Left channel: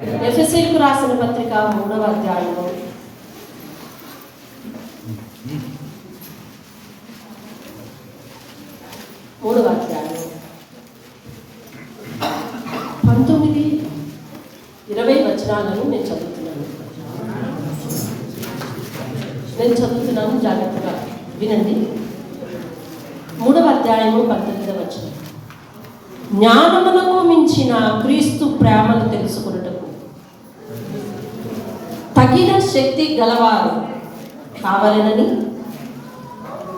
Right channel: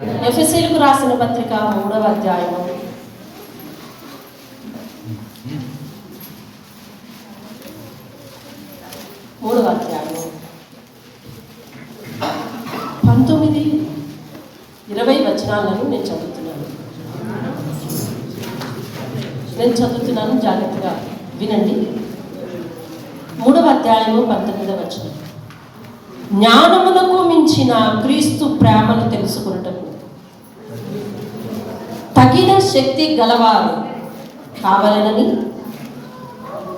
ఎఫెసీయులకు రాసిన పత్రిక 3వ అధ్యాయము 19-20 వచనాలను నేను చదువుతున్నాను, జాగ్రత్తగా వినండి. 3వ అధ్యాయము 19వ వచనం. జ్ఞానములకు మించిన క్రీస్తు ప్రేమను తెలుసుకున్నటకు తగిన శక్తి గలవారు కావాలని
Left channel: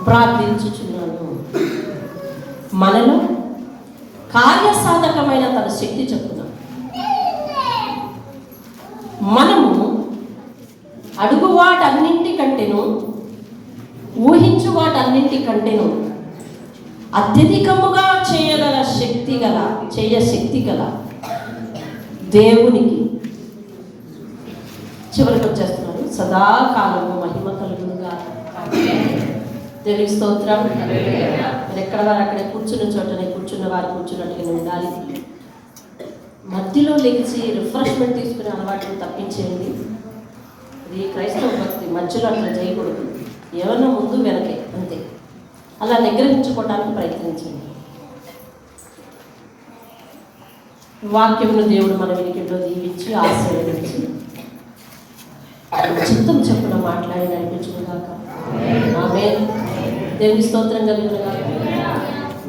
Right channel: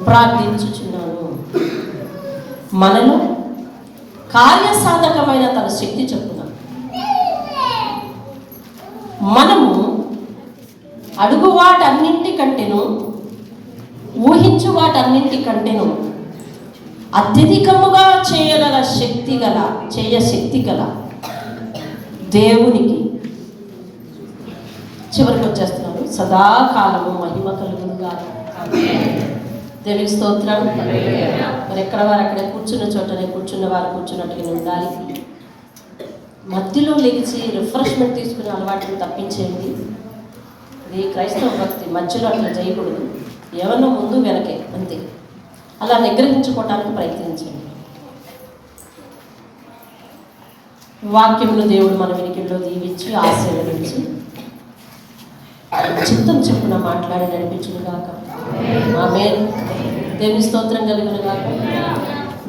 ప్రార్థించుచున్నాను. మనలో కార్యసాధకమైన తన శక్తి చెప్పున మనము అడుగు వాటన్నింటికంటేను ఊహించు వాటన్నింటికంటేను అత్యధికముగా శక్తి గల దేవునికి చివరికి వచ్చేస్తున్నాను. సదాకాలము మహిమ కలుగునుగా. దేవుని స్తోత్రం. మరి ఎక్కడ వారు అక్కడే కూర్చున్న చోటనే, కూర్చున్న వారు కూర్చున్నట్టుగా ఉండాలి. మధ్యలో లేచి రిఫ్రెష్మెంట్ తీసుకునే అలవాటును తప్పించేయండి. ఇది క్రైస్తవ భక్తి. మధ్యలో అట్లా చేయకూడదు. ఎవరినో ముందు వెనకే అంతే. అలా నిగ్రహించుకోవడానికి ప్రయత్నించండి. వాక్యములు దేవుడు మన వెనుకల్లో దీవించి ఆశీర్వదించి చిత్తం చెప్పున మాట్లాడి నడిపించుగాక. ఆమేన్. దేవుని స్తోత్రం కలుగునుగాక.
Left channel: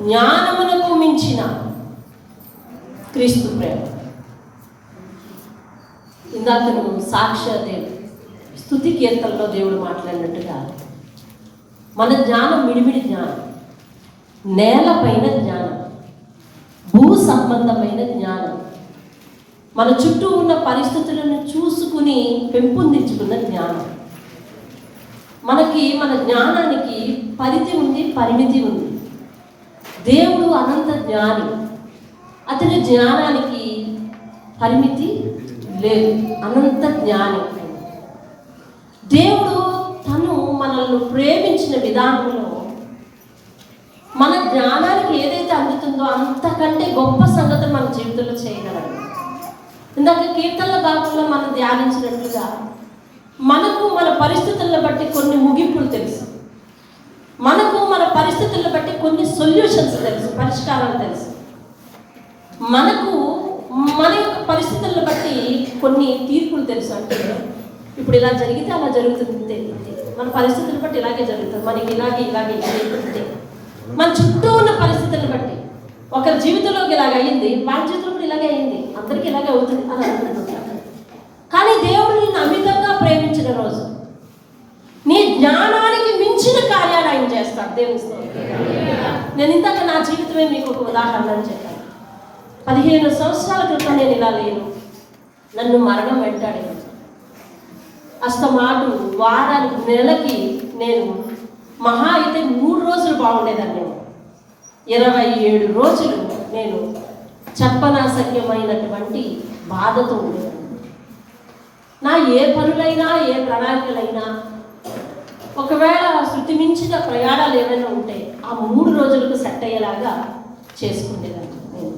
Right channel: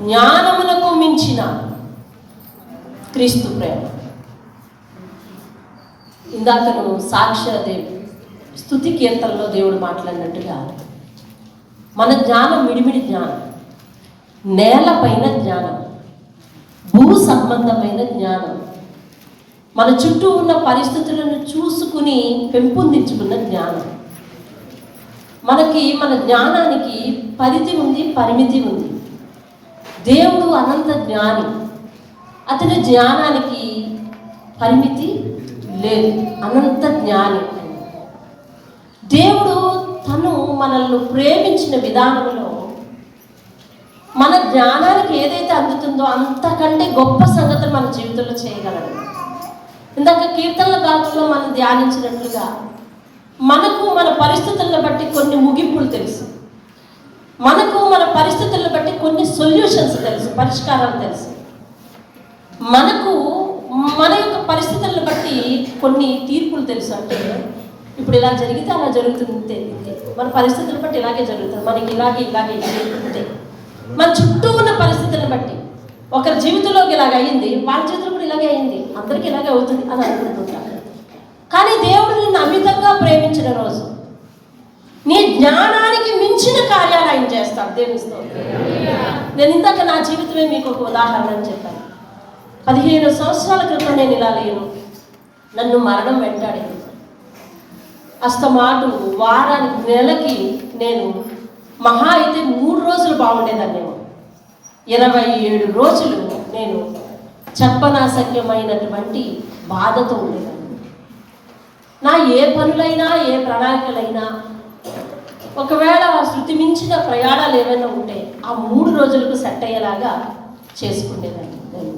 జ్ఞానములకు మించిన క్రీస్తు ప్రేమ. ఇందాకను సాక్ష్య స్తుతి కీర్తనలో దేవుడు మాట్లాడినట్టుగా మన జ్ఞానం మిడిమిడి జ్ఞానం, నేలపైన జ్ఞానం, భూ సంబంధమైన జ్ఞానం, మన చుట్టూ ఉన్న పరిస్థితులను చూసుకుని పెంపొందించుకున్న జ్ఞానం. మన జ్ఞానానికి పరిధి ఉంది, పరిమితి ఉంది. దేవుడు అనంత జ్ఞాని. అతని జ్ఞానానికి పరిమితి లేదు. అనంత జ్ఞాని. దేవుడు తను మనల్ని ప్రేమించిన విధానంలో మన జ్ఞానానికి ఏదైతే అందుతుందో అంతకంటే గొప్ప సంగతులు మన జీవితంలో చేయగలరు. ఇందాక కీర్తనల భాగంలో మనం ధ్యానించినట్లుగా మనకు మన పరిస్థితులను బట్టి కొన్ని ముగింపులు తెలుసు, మనకు మన పరిస్థితులను బట్టి కొన్ని సొల్యూషన్స్ తెలుసు, పరిష్కారాలు తెలుసు. మనకు మన యొక్క పరిస్థితులను బట్టి కొన్ని తీర్పులు తెలుసు. అంటే ఇప్పుడు ఇలా జరిగితే అలా జరుగుతుంది, మన పరిస్థితులను బట్టి ఇలాగే జరుగుతుంది, మనకి ఇలాగే అంతే. మన చుట్టూ ఉన్న పరిస్థితులను బట్టి ఒకరి జీవితంలోకి ఇలాగ అయ్యింది, వాళ్ళ జీవితంలో కూడా ఇలాగే అయింది, అందరికీ ఇలాగే అవుతుంది అని అనుకుంటున్నారు. కానీ దేవుడు నిన్ను అమితంగా ప్రేమించిన రోజు నీ జ్ఞానానికి మించిన కార్యాలు ఆయన చేస్తాడు. దేవుని స్తోత్రం. నేను ఇందాక నా జీవితమే మీకు ఒక ఉదాహరణ అని చెప్పాను. 15 సంవత్సరాల క్రితం నేను ఇలా లేను. నన్ను మరణం వెంటాడేది. అస్తమాటు వారానికి, నెలకి నేను మహా అయితే 3 రోజులు బాగుండేదాన్ని. 27 రోజులు నేను చెప్పనాశక్యమైనటువంటి బాధతో ఉండేదాన్ని. నా ఏ పనులైనా, ఏ ప్రణాళికలైనా, ఒకవేళ శృతి మించిన ప్రయాణాలు ఏమైనా ఉంటే ఆ 3 రోజులకు సెట్ అయ్యేలాగా చేసుకునేదాన్ని. నేను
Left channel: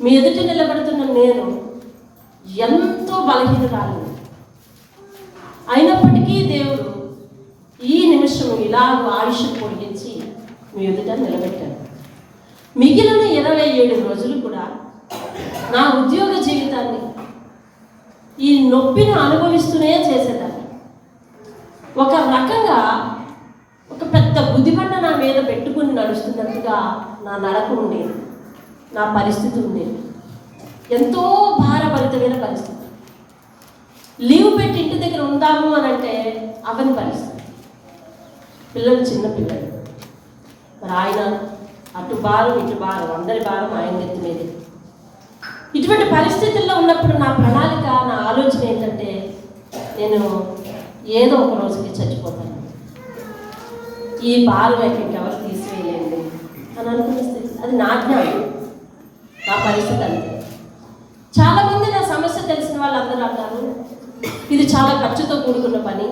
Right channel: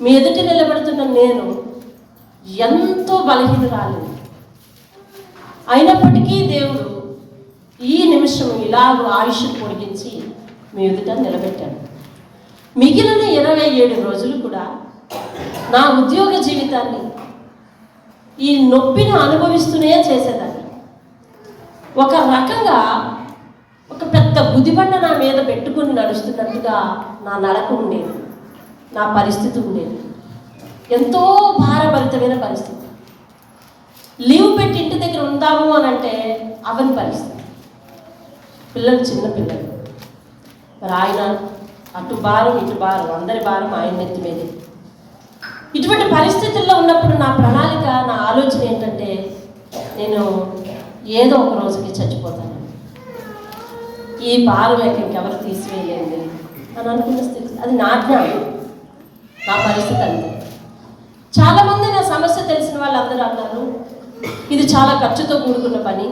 మీ ఎదుట నిలబడుతున్న నేను ఎంతో బలహీనురాలు. అయినప్పటికీ దేవుడు ఈ నిమిషం ఇలాగ ఆయుష్ పొడిగించి మీ ఎదుట నిలబెట్టాడు. మిగిలిన 27 రోజులు కూడా నా ఉద్యోగ జీవితాన్ని ఈ నొప్పిని అనుభవిస్తూనే చేసేదాన్ని. ఒక రకంగా ఒక పెద్ద బుద్ధిబండ నా మీద పెట్టుకుని నడుస్తున్నట్టుగా నా నడక ఉండేది, నా పరిస్థితి ఉండేది. ఎంతో భారభరితమైన పరిస్థితి. లీవ్ పెట్టి ఇంటి దగ్గర ఉందాము అని అంటే అవని పరిస్థితి. పిల్లలు చిన్న పిల్లలు. మరి ఆయన అటు భారం ఇటు భారం, అందరి భారం ఆయన ఎత్తి మీదే. ఇటువంటి పరిస్థితుల్లో ఉన్నప్పుడు నా ప్రణాళిక, నా ఆలోచన ఏంటంటే నేను ఏదో ఒక రోజుకి చచ్చిపోతాను, ఈ భారం ఇంకెవరు తీసివేయలేండి అని అనుకున్న స్థితి. అది నా జ్ఞానం, నా పరిస్థితి అంతే. చాలామంది నా సమస్య తెలిసిన వాళ్ళందరూ అన్నారు, ఇది చాలా ఖర్చుతో కూడుకున్న పని,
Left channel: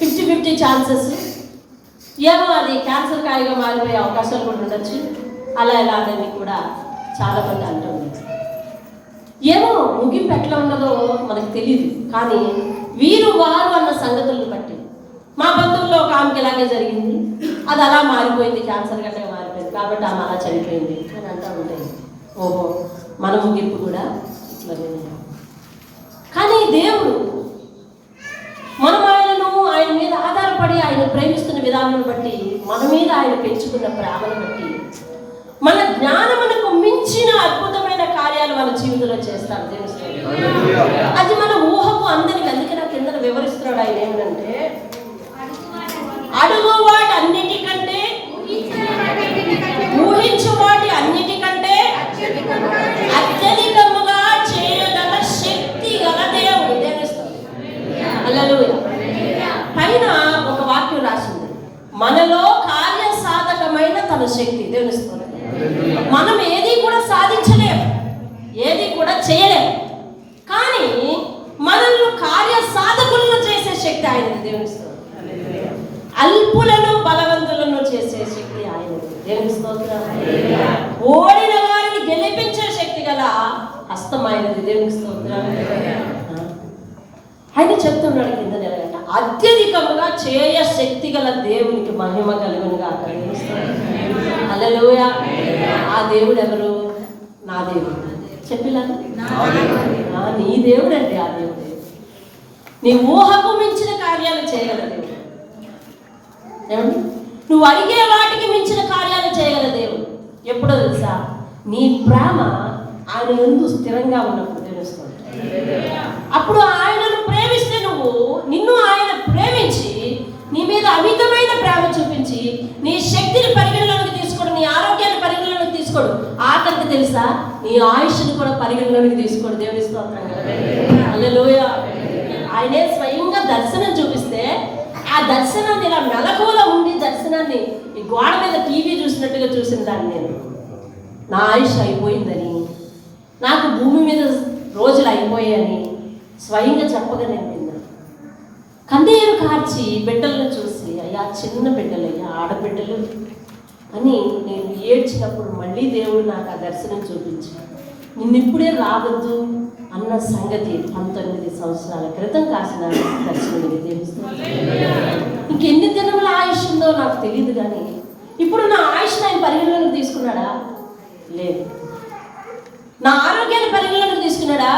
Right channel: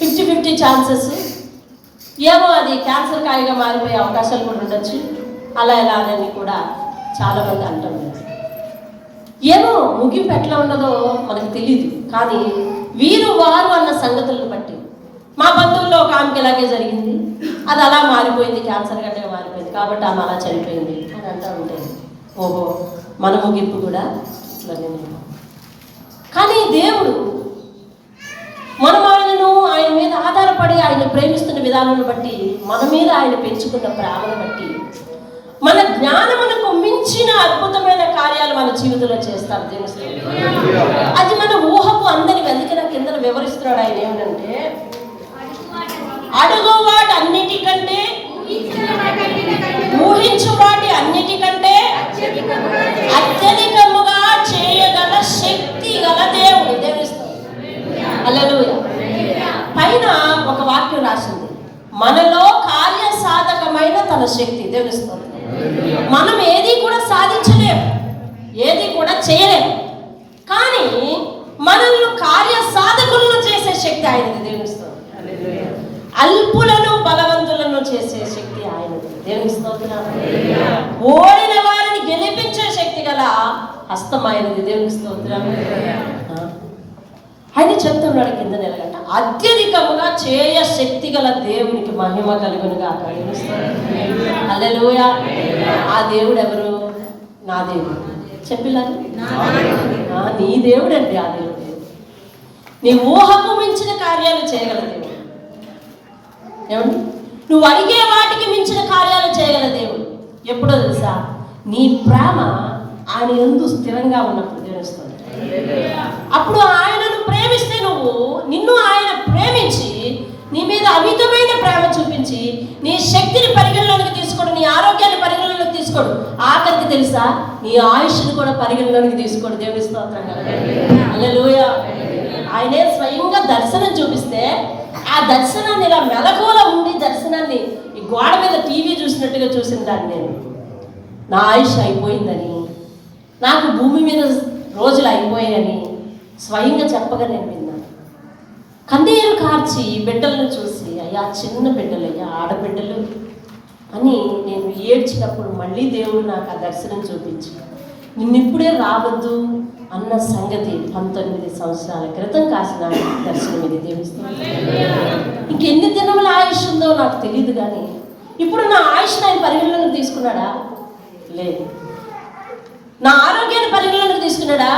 50-50 ఛాన్సెస్, ఏమో అది క్యాన్సర్ కాయగా మారిపోయే అవకాశాలు కూడా ఉండొచ్చు, అలా ఎలా అని కూడా చాలామంది అంటున్నారు. ఏమో ముగింపు ఎట్లా ఉన్నదో మనకు తెలియదు, కానీ వీరు వారు అన్న సంగతులను బట్టి మా బంధువుల్లో ఒక ఆమెకి ఇలాగే జరిగింది, అది అలా మారిపోయింది, క్యాన్సర్ గట్టే మారిపోయింది కాబట్టి ఆమె అలా చనిపోయింది అని అంటూ ఉంటుంది. ఓహో, మన ముగింపు కూడా ఇట్లానే. కానీ దేవుడు మనం ఆయన మీద ఆధారపడి ఆయన ప్రేమిస్తున్న విధానాన్ని బట్టి, మన మీద ఆయన పెంచుకున్న ప్రేమను బట్టి, మన జ్ఞానమునకు మించిన అద్భుతమైన కార్యాలు మన జీవితంలో చేస్తారు దేవుడు. అది మన ఊహకు అందరికి. అందుకే నాకు కింద వివరిస్తున్నాడు ఆయన ఏమిటంటే, అడుగు వాటి అన్నిటికంటే, ఊహించు వాటి అన్నిటికంటే అత్యధికముగా చేయగల శక్తి గల దేవుడు. హల్లెలూయా. పైన ఒక వాక్యం రాసింది, మనలో కార్య సాధకమైన తన శక్తి. దేవునిస్తుంది. మనం ఏది కూడా సాధించలేము, ఏది కూడా చేయలేము, కానీ మనల్ని కార్య సాధకులను చేసే శక్తి ఆయనది. దేవునిస్తుంది. అల్పులను బలవంతులను చేసే శక్తి ఆయనది. దేవునిస్తుంది. ఓడిన వారిని గెలిపించే శక్తి గల హస్తం ఆయనది. దేవునిస్తుంది. ఆయన చెప్తున్నాడు కింద నెలగంట, అత్యధికముగా చేయ శక్తి గల దేవునికి మహిమ కలుగునుగా. హల్లెలూయా. ఆ దేవుడు ఎవరు? నా దేవుడు. చెప్పినారు, నీ దేవుడు అండి. ఆ దేవుడు నీ ఊహకు మించిన కార్యాలు చేయగల దేవుడు. ఏమండి, నువ్వు అడిగే వాటికి మించిన కార్యాలు చేయగల దేవుడు. ఎప్పుడో తెలుసా? నీ ప్రేమ ఆయన యందు స్థిరంగా ఉన్నప్పుడు తెలుస్తుంది. అప్పుడు ఆయనను ప్రేమిస్తే నిన్ను ఆయన ప్రేమించి నీ మీద అమితమైన ప్రేమ చూపించి నీ శక్తిని పరిగణలోకి తీసుకోడు, నీ ఆరోగ్యాన్ని పరిగణలోకి తీసుకోడు, ఆఖరికి తెలుసా నీ ఆయుష్ని కూడా పరిగణలోకి తీసుకోడు. దేవుని స్తోత్రం. హల్లెలూయా. ఆయనే స్వయంగా దర్శనం చూపిస్తే ఆ దర్శనాన్ని ఇలా మెలకువలో ఉండి దర్శనాన్ని ఈ గోడ మీద టీవీ చూసినట్టుగా చూసిన దాన్ని నేను, నా ఆయుష్ అయిపోయిందని, నాకు భూమి మీద రోజులు అయిపోయాయని స్వయంగా చెప్పగా నేను విన్నాను. కన్నీరు కార్చి బిడ్డలను చూసి, అయ్యా చిన్న బిడ్డలయ్యా, ఆడబిడ్డలు అని నేను ఏడ్చినప్పుడు మళ్ళీ దేవుడు నాకు ఆ దర్శనం చూపించి, నిన్నిప్పుడే రావద్దు అన్న సంగతి 19 సంవత్సరాల క్రితం కాసిన దర్శనం ఇది. దేవుస్తుంది. ఇంకెన్ని దినముల ఆయుష్ ఉందో నాకు తెలియదు, కానీ ఇప్పుడు నా ఆయుష్ ఆయన పరిగణలోకి తీసుకున్నాడా? లేదు. నా ఆరోగ్యాన్ని పరిగణలోకి తీసుకున్నాడా?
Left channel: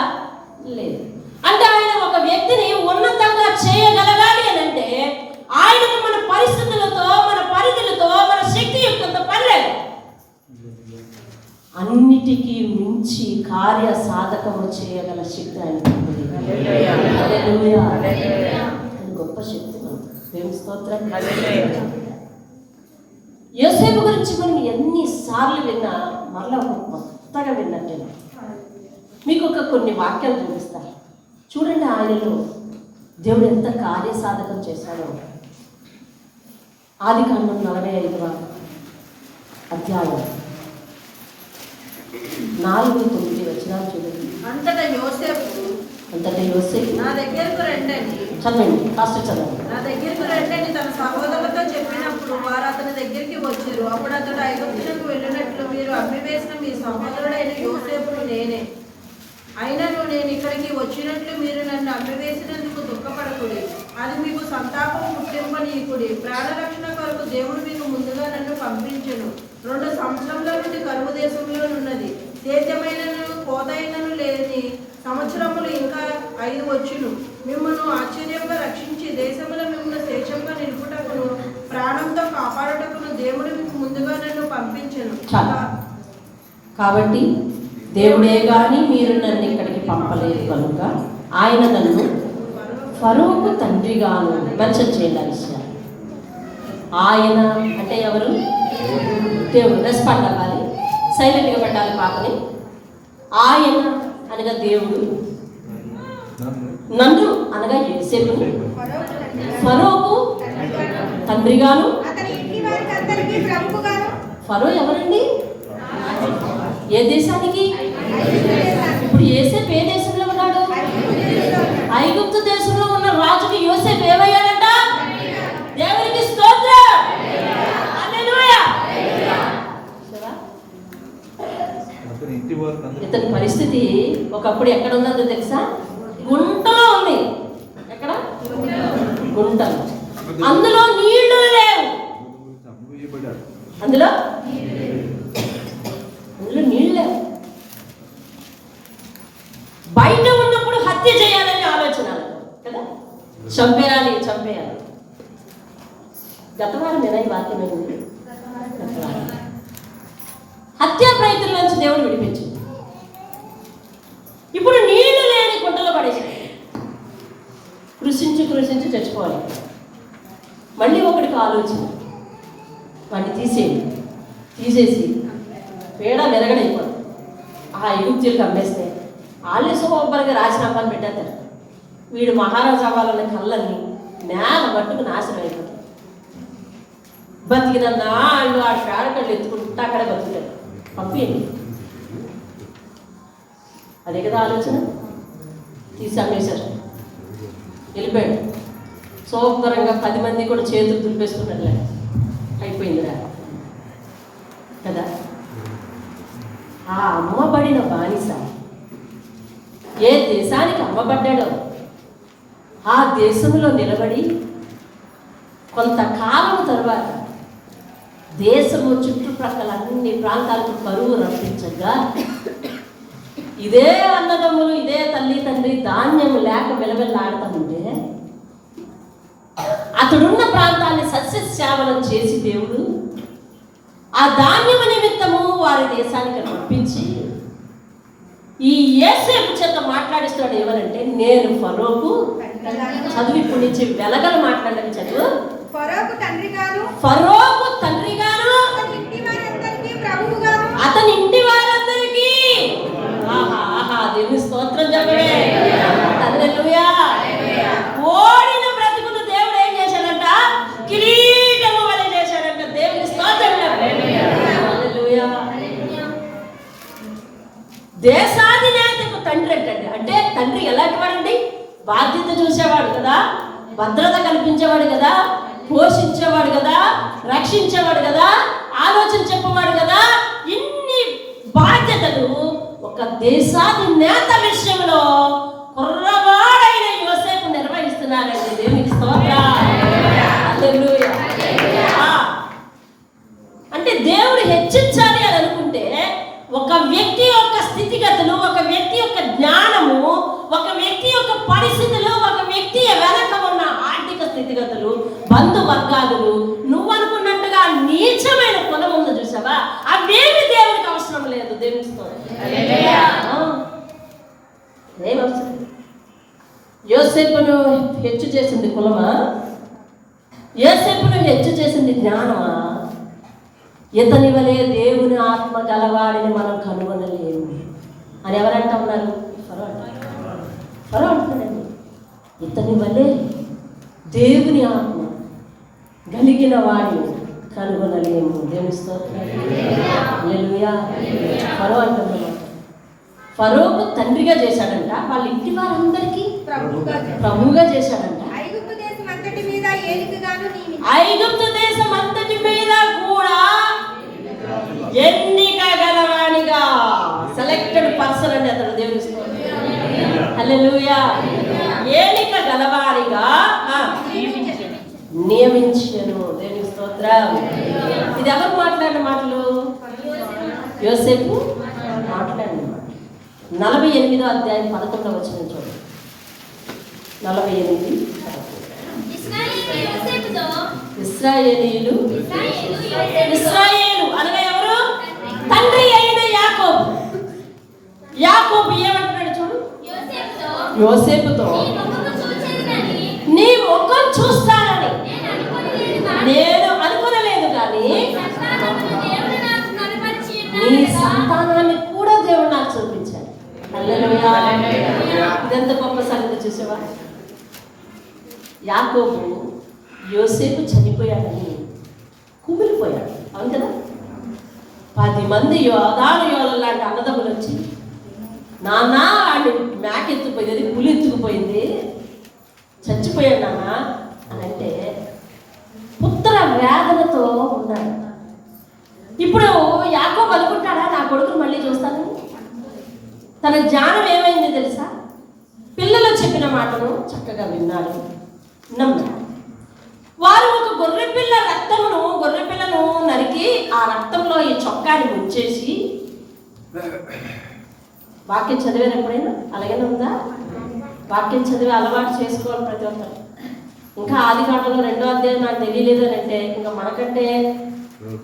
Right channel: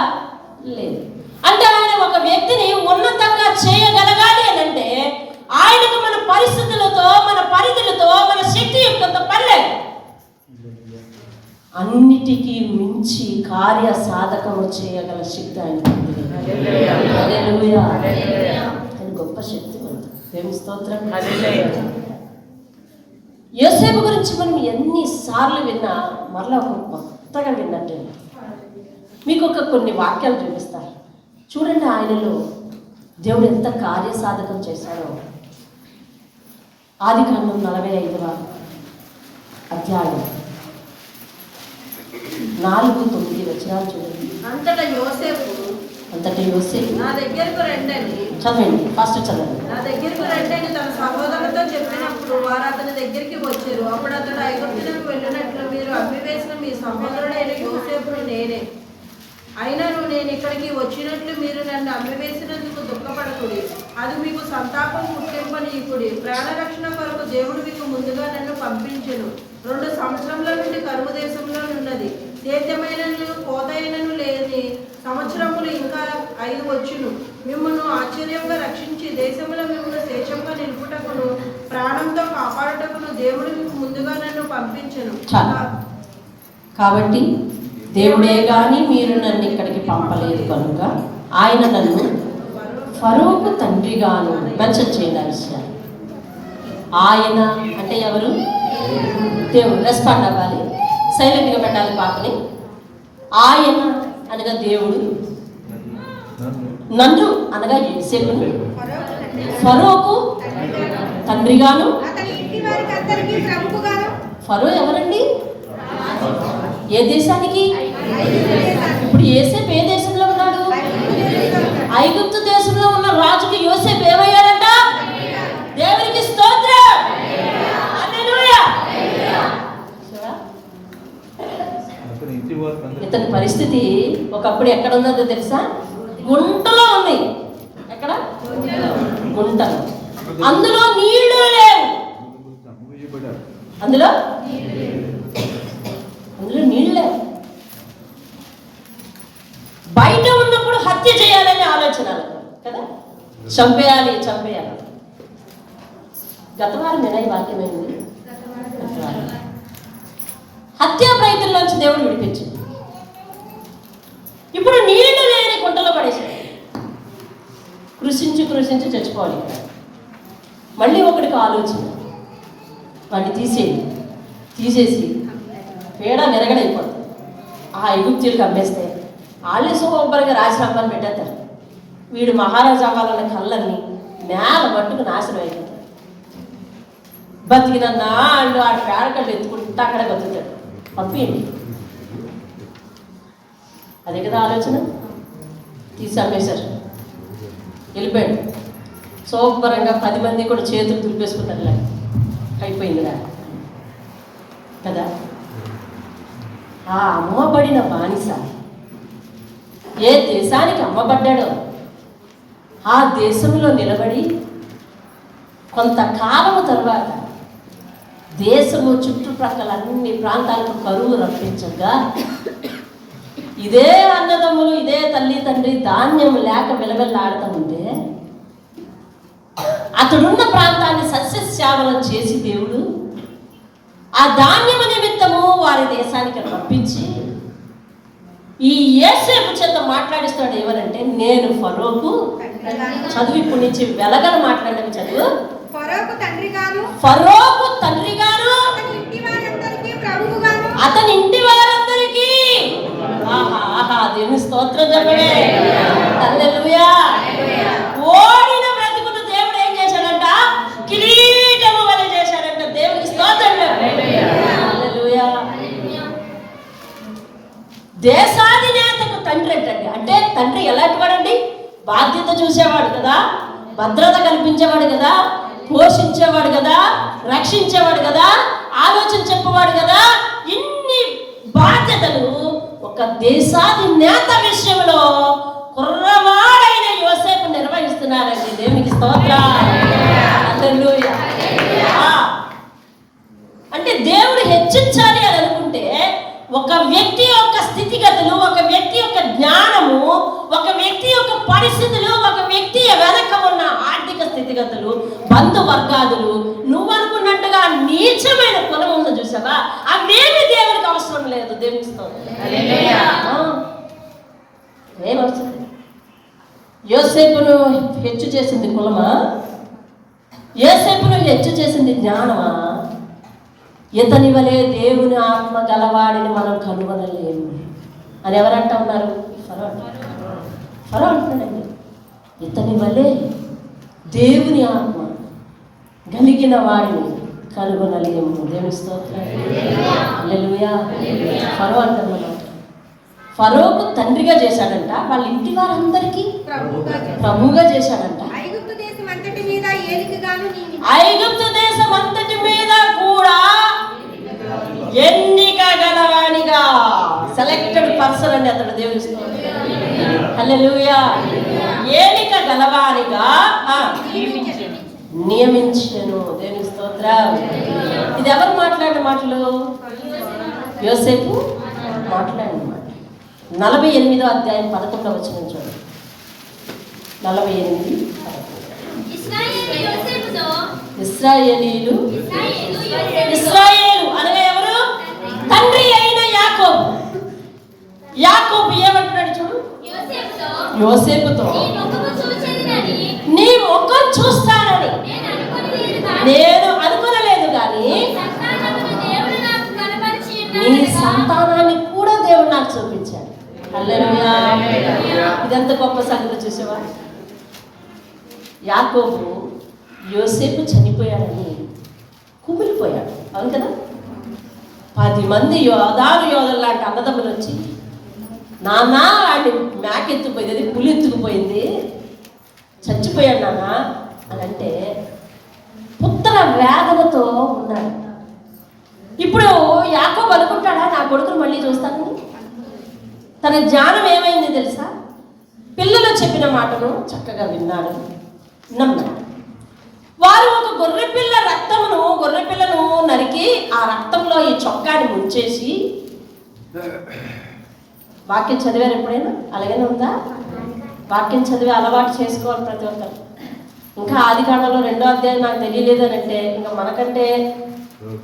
లేదు. అంటే ఆయన ఒక వ్యక్తిని ఉన్నతంగా చేయగలగాలి అని అంటే ఆయనకు మన పరిస్థితులతో, మన పరిధులతో, మన శక్తి యుక్తంతో పర్లేదు. అన్నిటికీ మించి కార్య సాధకము చేయగల శక్తి ఆయన. గొప్ప శక్తి. దేవుని స్తోత్రం. యోసేపు గురించి మనం ఎన్నిసార్లు విన్నా మరలా ఒక కొత్తగా విన్నట్టే. మీకు కొన్ని వాక్యాలు చూపిస్తారు చూడండి. ఆయనలో దేవుడు ఎంత కార్యసాధకం చేశాడో. ఆదికాండం 45వ అధ్యాయం 4-9 వచనాలు చూడండి. అంతటా యోసేపు నా దగ్గరకు రండి. చదవండి, ఫస్ట్ చదవండి. నా దగ్గరకు రండి తన సహోదరులతో చెప్పినప్పుడు వారు అతని దగ్గరికి వచ్చారు. అప్పుడు అతడు ఐగుప్తులకు వెళ్ళినట్లు మీరు అమ్మివేసిన మీ సహోదరుడైన యోసేపును నేనే. అయినను నేను ఇక్కడికి వచ్చినట్లు మీరు నన్ను అమ్మివేసినందుకు దుఃఖపడకుడి, అది మీకు సంతాపం పుట్టింపనీకుడి. ప్రాణరక్షణ కొరకు దేవుడు మీకు ముందుగా నన్ను పంపించెను. 2 సంవత్సరముల నుండి కరువు దేశంలో ఉన్నది, సేద్యమైనను కోతైనను లేని సంవత్సరములు ఇంకా 5 వచ్చును. మిమ్మల్ని ఆశ్చర్యంగా రక్షించి దేశంలో మిమ్మల్ని శేషంగా నిలుపుటకును ప్రాణంతో కాపాడుటకును దేవుడు మీకు ముందుగా నన్ను పంపించెను. కాబట్టి దేవుడే గాని మీరు నన్ను ఇక్కడికి పంపలేదు కనుక ఆయన నన్ను ఫరోకు తండ్రిగాను మెన్షన్ చేయాల్సి. ఆయన అంటే ఎవరు? దేవుడు. రెస్పాండ్ అవ్వాలి, సైలెంట్గా పెట్టాలి పాపని. ఆయన అనగా దేవుడు, నన్ను అనగా యోసేపును ఫరోకు తండ్రిగాను. ఫరో ఎవరండి? ఏ దేశానికి? ఇప్పుడు యోసేపు ఏ దేశంలో ఉన్నాడు? ఐగుప్తు దేశంలో ఉన్న రాజుకి యోసేపు ఏమయ్యాడంట? దేవునికి స్తోత్రం. హల్లెలూయా. ఇతని పరిస్థితి ఒకప్పుడు ఎక్కడ ఉన్నదో తెలుసా? గుంటలో ఉంది. ఎక్కడ? గుంటలో. అందులో నీళ్లు లేవు. అందులో నీళ్ళు లేవు. బయట ఉన్నప్పుడు హత్య చేయాలనే ఆలోచన కదా, చంపేయాలి. గతవారం ఈ వాక్యం అయింది. హత్యా ప్రయత్నంలోంచి దేవుడు విడిపించింది. ఇప్పుడు నీళ్లు లేని గుంటలో పడేశాడు. కృషించి చచ్చిపోవాలి. మళ్ళీ ఒకటికి ఆలోచన, వాడిని తీసేసి పేడ విరగడైపోతుంది. ఆ ఐగుప్తీయులకు అమ్మేస్తే వాళ్ళే శుభ్రంగా రాజీనామాలు పెట్టేస్తారు. వీడు మహారాజు అవ్వాలన్న కళ్ళన్నీ నేల మట్టుకు నాశనం అయిపోతాయి. బతికిన నాళ్ళు ఆ పేడకళ్ళు ఎత్తుకుంటూ అక్కడే బతుకుతాడు. పంపించండి. అదే కదా ఆలోచన. తీసి అమ్మేశారు, వెళ్ళిపోయాడు. శుభ్రంగా 10 మంది కూడా చేతులు దులిపేసుకుంటారులే, అయిపోయిందిరా కదా. ఆ అమ్మబడిన బానిస ఏ దేశానికి అమ్మబడ్డాడో ఆ దేశంలో నిలబడి కొంతకాలం తర్వాత దేశము చుట్టుప్రక్కల అన్ని ప్రాంతాలకు కరువు రప్పించగా ఇదే అన్నదమ్ములు, ఇదే తల్లి తండ్రి ధాన్యం లేక విలవిల్లాడుతుంటే అతడున్న ప్రాంతాన్ని సస్యశ్యామలం చేసి దేవుడు ఆ ధాన్యమ నిమిత్తము వారి దేశానికి పంపించి ఈ యోసేపు చేత మాట్లాడిస్తాడు. ఏమనంటే, నేను ఫరోకు చదువు ఇప్పుడు నుంచి వెలగలు మాట్లాడడం చదువు. ఫరోకు తండ్రి గాను అతని ఇంటి వారందరికీ దేవుని స్తోత్రం చెప్పవే. హల్లెలూయా. ఓడిన బ్రతుకును దేవుడు ఏం చేశాడంట? కిరీటము వలె చేశాడంట. దేవుని స్తోత్రం. హల్లెలూయా. దేశాధినేతకు తండ్రి అంటండి. అంటే తండ్రి ఎలాంటి వాడండి? బాధ్యత చూసేవాడు కదా, భద్రత కల్పించేవాడు కదా, పోషించేవాడు కదా, రక్షించేవాడు కదా, ఆలోచన చెప్పేవాడు కదా. ఇన్ని బాధ్యతలు ఒక దేశాధినేత విషయంలో కుర్రవాడైన యోసేపు నిర్వహిస్తున్నారండి. దేవునికి స్తోత్రం. హల్లెలూయా. అంటే దేవుడు హెచ్చించాలి అని అనుకుంటే ఒక వ్యక్తి యొక్క స్థితిగతులు, ఒక వ్యక్తి యొక్క జ్ఞానము, ఒక వ్యక్తి యొక్క పరిస్థితులు, ఒక వ్యక్తి వెనక ఉన్న ఆర్థిక స్థితిగతులు, బంధువర్గాలు, నువ్వు అనుకున్నట్టుగా నీచమైన కులం ఉందో చూసావా, అవేమి దేవునికి అవసరం లేదు. దేవునికి ఏమవసరం? యోసేపును హెచ్చు చేసింది కులమా? యోసేపును హెచ్చు చేసింది జ్ఞానమా? ఇతని వలె దేవుని ఆత్మ గలవాడిని మనం కనుగొనలేము అని ఎవరంటా ఉన్నారు? ఫరో అంటాడండి. ఇతని వలె దేవుని ఆత్మ కలిగిన వాడిని కనుగొనలేము. దేవుని స్తోత్రం. హల్లెలూయా. ఫరో అంటున్నాడు. ఫరోకు తండ్రిగా చేశాడంట, వాళ్ళ ఇంటి వారందరికీ ప్రభువుగా చేశాడంట. ఐగుప్తు దేశం అంతటి మీద కూడా ఎన్నిక గలవానిగా, సెలెక్టెడ్ పర్సన్ అండి అతడు. దేవుని హల్లెలూయా. ఏలిక గలవానిగా నియమించెను. దేవుని స్తోత్రం. ఇది ఎవరు మాట్లాడిన మాటలు? యోసేపు మాట్లాడిన మాట. 48వ అధ్యాయం 11వ వచనం చూడండి. 48. ఇశ్రాయేలీలు అనగా ఎవరు? తండ్రి అయిన యాకోబు. యాకోబు ఏమంటున్నాడు చూడు యోసేపుతో, నీ ముఖం చూస్తానని నేను అనుకోలేదు, కానీ నీ సంతానాన్ని కూడా దేవుడు నాకు చూపించాడు. హల్లెలూయా. ఇదెంత గొప్ప సంగతి చూసేవా? యాకోబు యోసేపు చనిపోయాడని కుమిలిపోయాడు. అవును కదా. 10 మంది యోధులు లాంటి అన్నదమ్ములు వచ్చి, నాన్న వాడిని మేకెత్తుకుపోయింది, పులి ఎత్తుకుపోయింది, చచ్చిపోయాడు నాన్న అని అంటే పుత్ర వేదనతో ఉన్నాడు. ఇప్పుడు యాకోబు అనుకుంటాడా నా కొడుకును మళ్ళీ చూస్తానని? తన జ్ఞానం ఏమైంది తెలుసా? పిల్లలు చెప్పిన మాటను చక్కగా విన్నాడు, నమ్మాడు. వారు ఒక గొర్రెపిల్లను నరికి ఆ రక్తంలో ఈ చొక్కాని ముంచేసి, వాక్యం చదివారు ఎప్పుడైనా? అలాగే ఉందా? వాక్యం చదివి అలవాటు చేసుకోవాలి ప్రతి ఒక్కరు. ఇంకా ఆదికాండంలో 2వ అధ్యాయం నాకు తెలియలేదు అని అంటే ఇంకా మనకంటే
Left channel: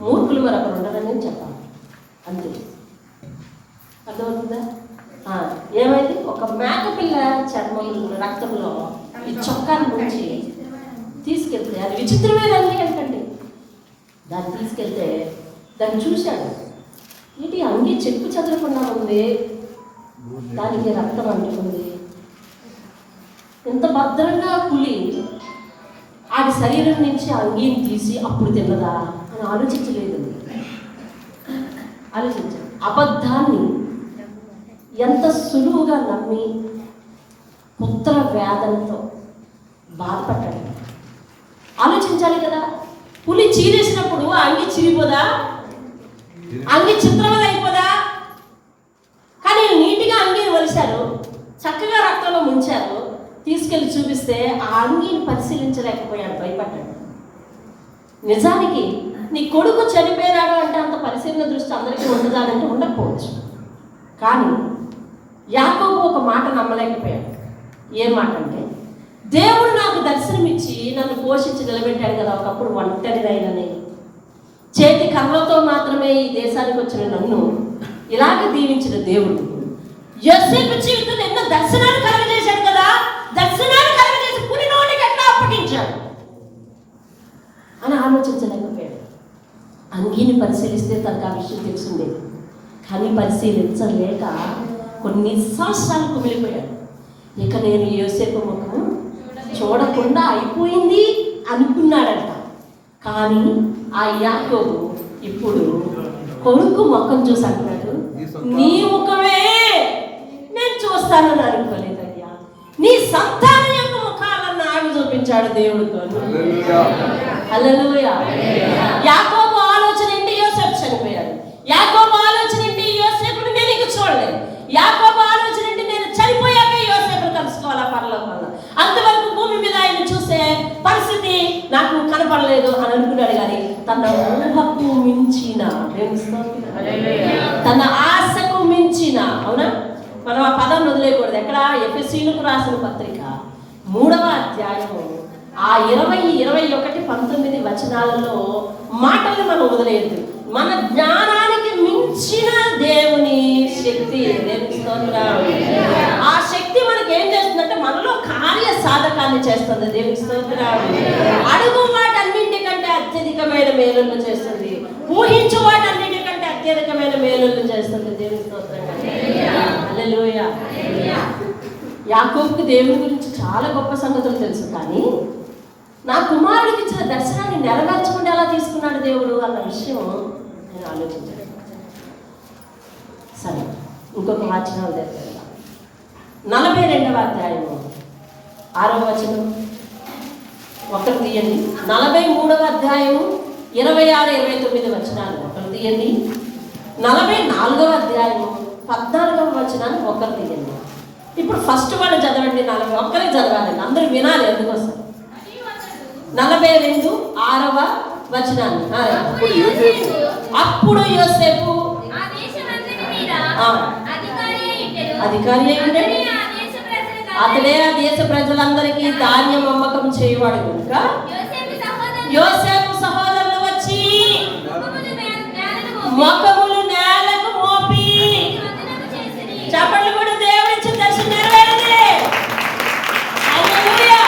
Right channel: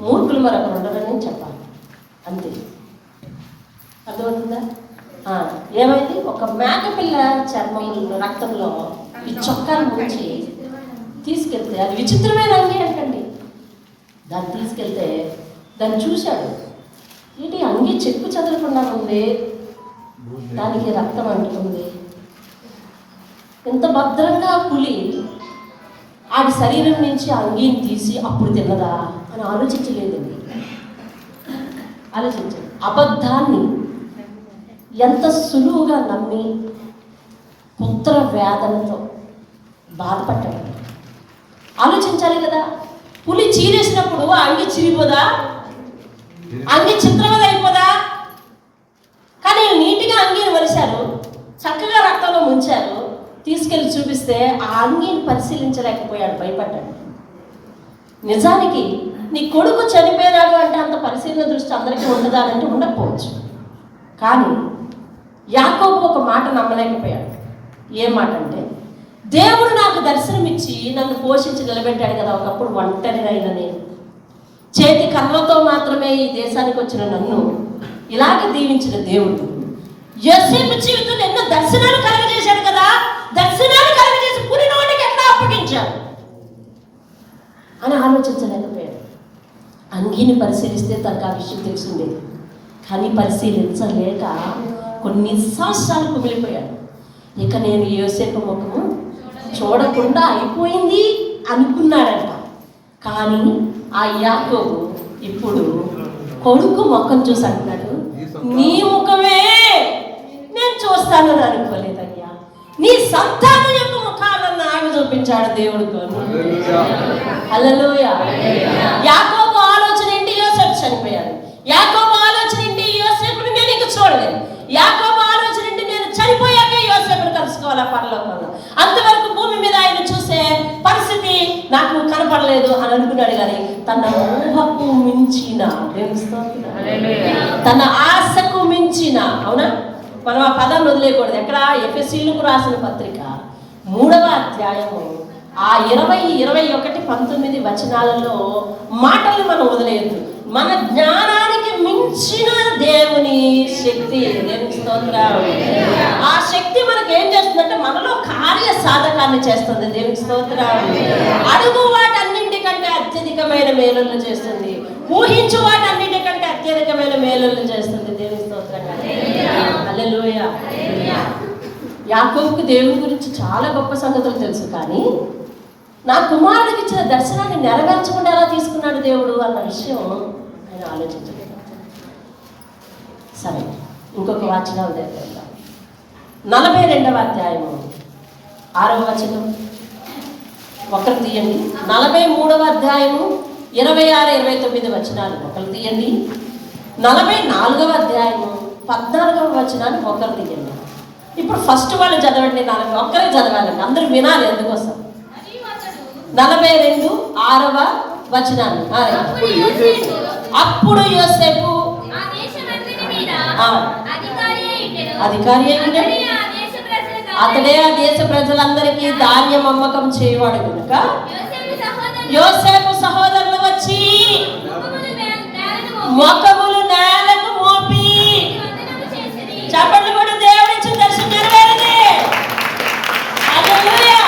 మూర్ఖులు మరొకరు ఉండరని చెప్పాలి. అంతే, అర్థమవుతుందా? ఏమైంది? ఒక మేకపిల్ల చర్మం రక్తంలో ఈ చొక్కాను ముంచి తీసుకెళ్తే, అది విచిత్రమైన అంగి అంటండి. దాన్ని తీసుకెళ్తే దాన్ని చూశాడు, ఏంటి అంగి చెక్కు చదవకుండా ఉంది, దానికి రక్తం అంటుకుంది. ఎంత భద్రంగా పులి ఆడి శరీరం నుంచి అంగీని తీసి అప్పుడు తిన్నదా అని ఆలోచించలేదండి. ఆలోచించాడు. అబద్ధాన్ని ఎంత సులువుగా నమ్మి పుత్ర వేదనతో బాధపడ్డాడు. ఆలోచించాలి కదా. పులి చీరేసినప్పుడు అంగి చిరిపోదా? అంగి చిత్రవద అయిపోదా? కానీ నీటిగా అంగీని వలిశారు, చక్కగా రక్తంలో ముంచారు, తీసుకెళ్లి చూపిస్తే ఆ అంగీని పరిశీలించలేకపోయాడు, భయపడ్డాడు. నిజానికి నీ కొడుకు చనిపోయినాడు అంటే అంత పరిశీలన దృష్టి అందరికీ ఉండదా అంటే ఉండకపోవచ్చు. కానీ యాకోబు ఒక మాట నమ్మలేకపోయాడు. ఏం మాట అంటే, దేవుడు నాకు దర్శనమిచ్చి నన్ను పోషించి నిలబెట్టాడు కదా, ఒకప్పుడు ఒంటరినైనా నేను, చేతి కళ్ళతో మాత్రమే ఈ దేశానికి వచ్చిన నన్ను ఇలాగ దీవించిన దేవుడు యోసేపు జీవితంలో ఎన్నో దర్శనాలు కలుగజేశాడు కదా, దర్శనాలు కలుగజేసి పులి నోటికి ఎట్లా అప్పగించాడు అని ఆలోచించలేకపోయాడు. అంగీని పరిశీలిస్తే తనకు ఆ విషయం తెలిసిందే, కానీ పరిశీలించలేక కొన్ని సంవత్సరాలు కుమిలిపోయాడు. ఇక నేను యోసేపు ముఖము చూడకుండా అయిపోయింది అనుకున్నాడంట. కానీ ఆ యాకోబు ఇప్పుడు కొడుకు ముఖం చూసి అంటున్నాడు, నీ ముఖమే నేను చూస్తానని అనుకోలేదయ్యా, నీ సంతానం యొక్క ముఖాలను నాకు చూపించాడు దేవుడు. హల్లెలూయా. యాకోబు ఆలోచన ఏంటి? యోసేపు చనిపోయాడు. యాకోబు ఆలోచన ఏంటి? యోసేపుని నేను ఇంక చూడలేదు. యాకోబు ఆలోచన ఏంటి? నేను చనిపోయాక యోసేపుని కలుసుకోవాలా పరలోకంలో, అంతవరకు భూమి మీద ఆయన చూసే పరిస్థితి నాకు కనపడలేదు అని అనుకున్నాడు. కానీ తన ఊహకు మించిన, తన ఆశకు మించిన, అవునా, మనం ఆ పదాన్ని వదిలేయకూడదు. ఎక్కడ? ఎఫెసీయులకు రాసిన పత్రిక 3వ అధ్యాయము ఆ 20, 21, 19 వచనాలలో మాటలు మనం వదిలేయద్దు. మన జ్ఞానానికి మించిన దేవుని శక్తి, దేవుని స్తోత్రం. ఆ శక్తి మనకి ఏం చేస్తుందంటే మనలో కార్య సాధకాన్ని చేస్తుంది. దేవుని స్తోత్రం. అడుగు వాటన్నింటికంటే అత్యధికమైన మేలులను చేస్తుంది, ఊహించు వాటన్నింటికంటే అత్యధికమైన మేలులను చేస్తుంది. దేవుని స్తోత్రం. హల్లెలూయా. యాకోబుకి దేవుని గురించి చాలా గొప్ప సంగతులు తెలుసు, కానీ నా కుమారుడికి ఇచ్చిన దర్శనాన్ని నెరవేర్చకుండా ఎలా తీసుకున్నాడు దేవుడు అన్న విషయం ఆయన ఆలోచించలేదు. సరే, ఇంకొక వాచనాలు దగ్గర 42వ అధ్యాయము 6వ వచనం ఒకరు తీయండి. 43వ అధ్యాయము 26, 29 వచనాలు ఒకరు తీయండి. 44వ అధ్యాయము 14వ వచనాన్ని ఒకరు తీయండి. ఇప్పుడు ఫస్ట్ వాళ్ళు చదవండి, 40 ఒక్కరే చదవాలండి, అందరూ వినాలి. అందుకోసం 42, 6వ వచనాన్ని. అప్పుడు యోసేపు అధికారి అయ్యాడు, అతడే ఆ దేశ ప్రజలందరికీ ధాన్యం అమ్మకం చేయవాడు కనుక యోసేపు సహోదరులు వచ్చి ముఖములు నేలకు మోపి చెప్పండి కూడా దేవుడిచ్చిన దర్శనం నెరవేరింది. హల్లెలూయా.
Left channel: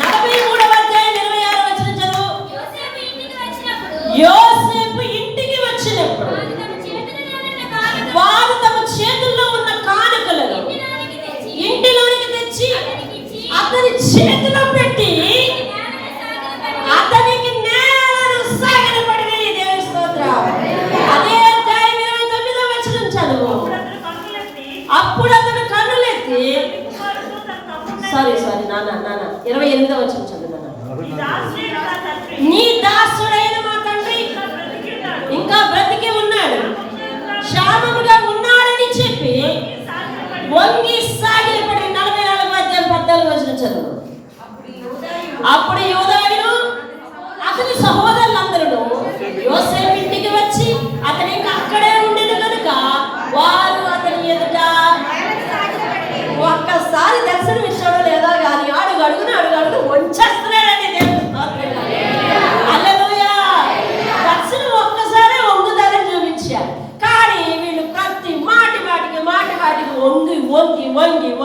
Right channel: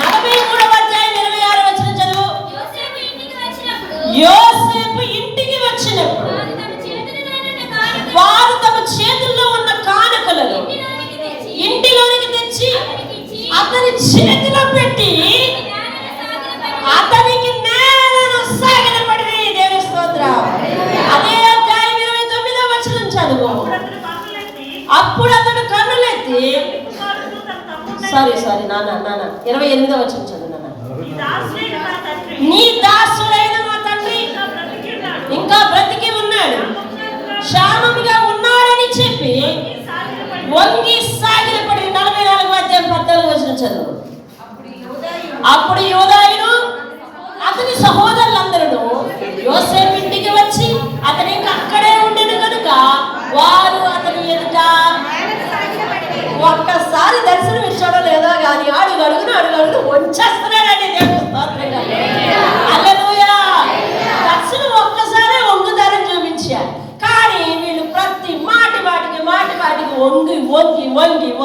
43వ అధ్యాయం 26వ వచనం చదువు. యోసేపు ఇంటికి వచ్చినప్పుడు వారు తమ చేతుల్లో ఉన్న కానుకలను ఇంటిలోనికి తెచ్చి అతని చేతిలో పెట్టి అతనికి నేలను సాగిలపడి. దేవుని స్తోత్రం. అదే అధ్యాయం 29వ వచనం చదువు. అప్పుడు అతడు కన్నులెత్తి సారీ నాన్న 28వ వచనం చదువు నాన్న. నీ దాసుడైన మా తండ్రి ఇంకా బ్రతికి ఉన్నాడు, క్షేమముగా ఉన్నాడని చెప్పి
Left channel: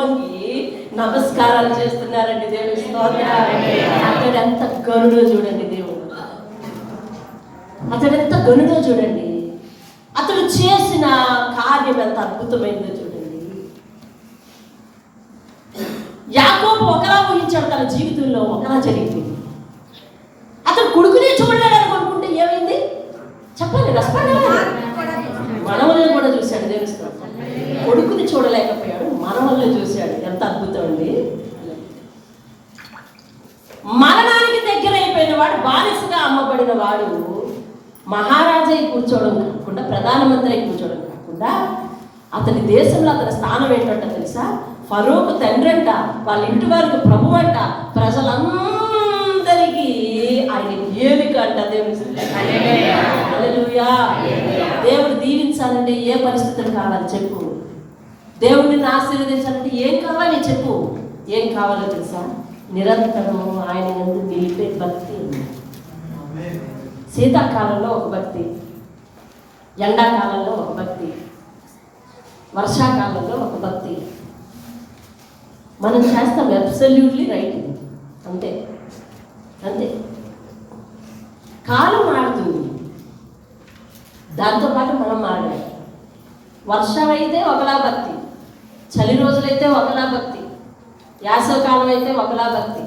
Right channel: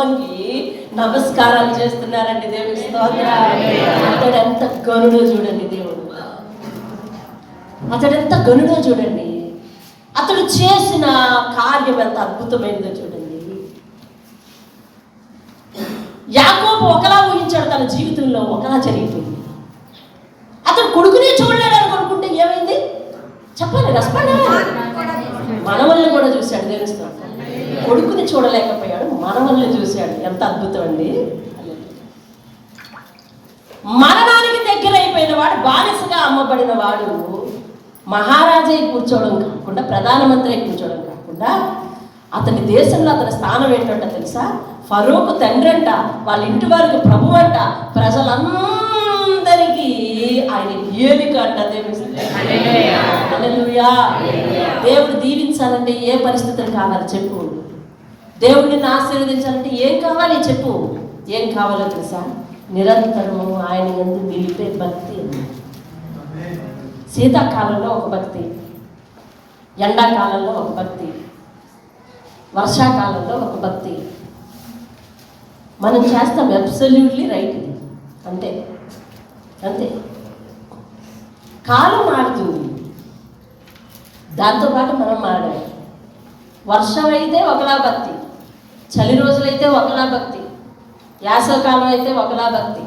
వంగి నమస్కారాలు చేస్తున్నారండి. దేవుని స్తోత్రం. అతడు ఎంత గనుడో చూడండి. దేవుడు అతడు ఎంత గనుడో చూడండి. అతడు చేసిన కార్యం ఎంత అద్భుతమైనదో చూడండి. యాకోబు ఒకలా ఊహించాడు, తన జీవితంలో ఒకలా జరిగిపోయింది. అతడు కొడుకునే చూడలేడు అనుకుంటే ఏమైంది చెప్పండి, నష్టపడ్డాడు. మనవల్ని కూడా చూశాడు. దేవుని స్తోత్రం. కొడుకుని చూడలేకపోయాడు, మనవల్ని చూశాడు. ఎంత అద్భుతం అండి. మరణానికి దగ్గర అయిపోయిన వాడు, బానిసగా అమ్మబడిన వాడు మహారాజే కూర్చోవడం కాకుండా, ప్రధానమంత్రి కూర్చోవడం కాకుండా, అతని దేశంలో అతని స్థానం ఏంటంటే తెలుసా? ఫరోకు తండ్రి అంట, వాళ్ళ ఇంటి వారికి ప్రభు అంట, ప్రజలందరికీ ఆయన ఏలిక అంట. దేవుడు దీవించాలంటే ఏ పరిస్థితులు కావాలి చెప్పు. దేవుడిని ఆశీర్వదించాలంటే ఏం కావాలి చెప్పు. ఏం కావాలో తెలుసా? నిరంతరము ఆయన యందు నిలిపే భక్తి. శీతాకాలంలో ఒక భక్తి, ఎండాకాలంలో ఒక భక్తి, వర్షాకాలంలో ఒక భక్తి. మనం చేస్తాం అబ్సల్యూట్లీ రైట్. ఇది అంతే అంతే. కాలం మారుతుంది, దాంతోపాటు మనం మారాలి. వర్షం అయితే ఒకలా భక్తి, చలి రోజులైతే ఒకలా భక్తి, వేసవకాలం అయితే ఒకలా భక్తి,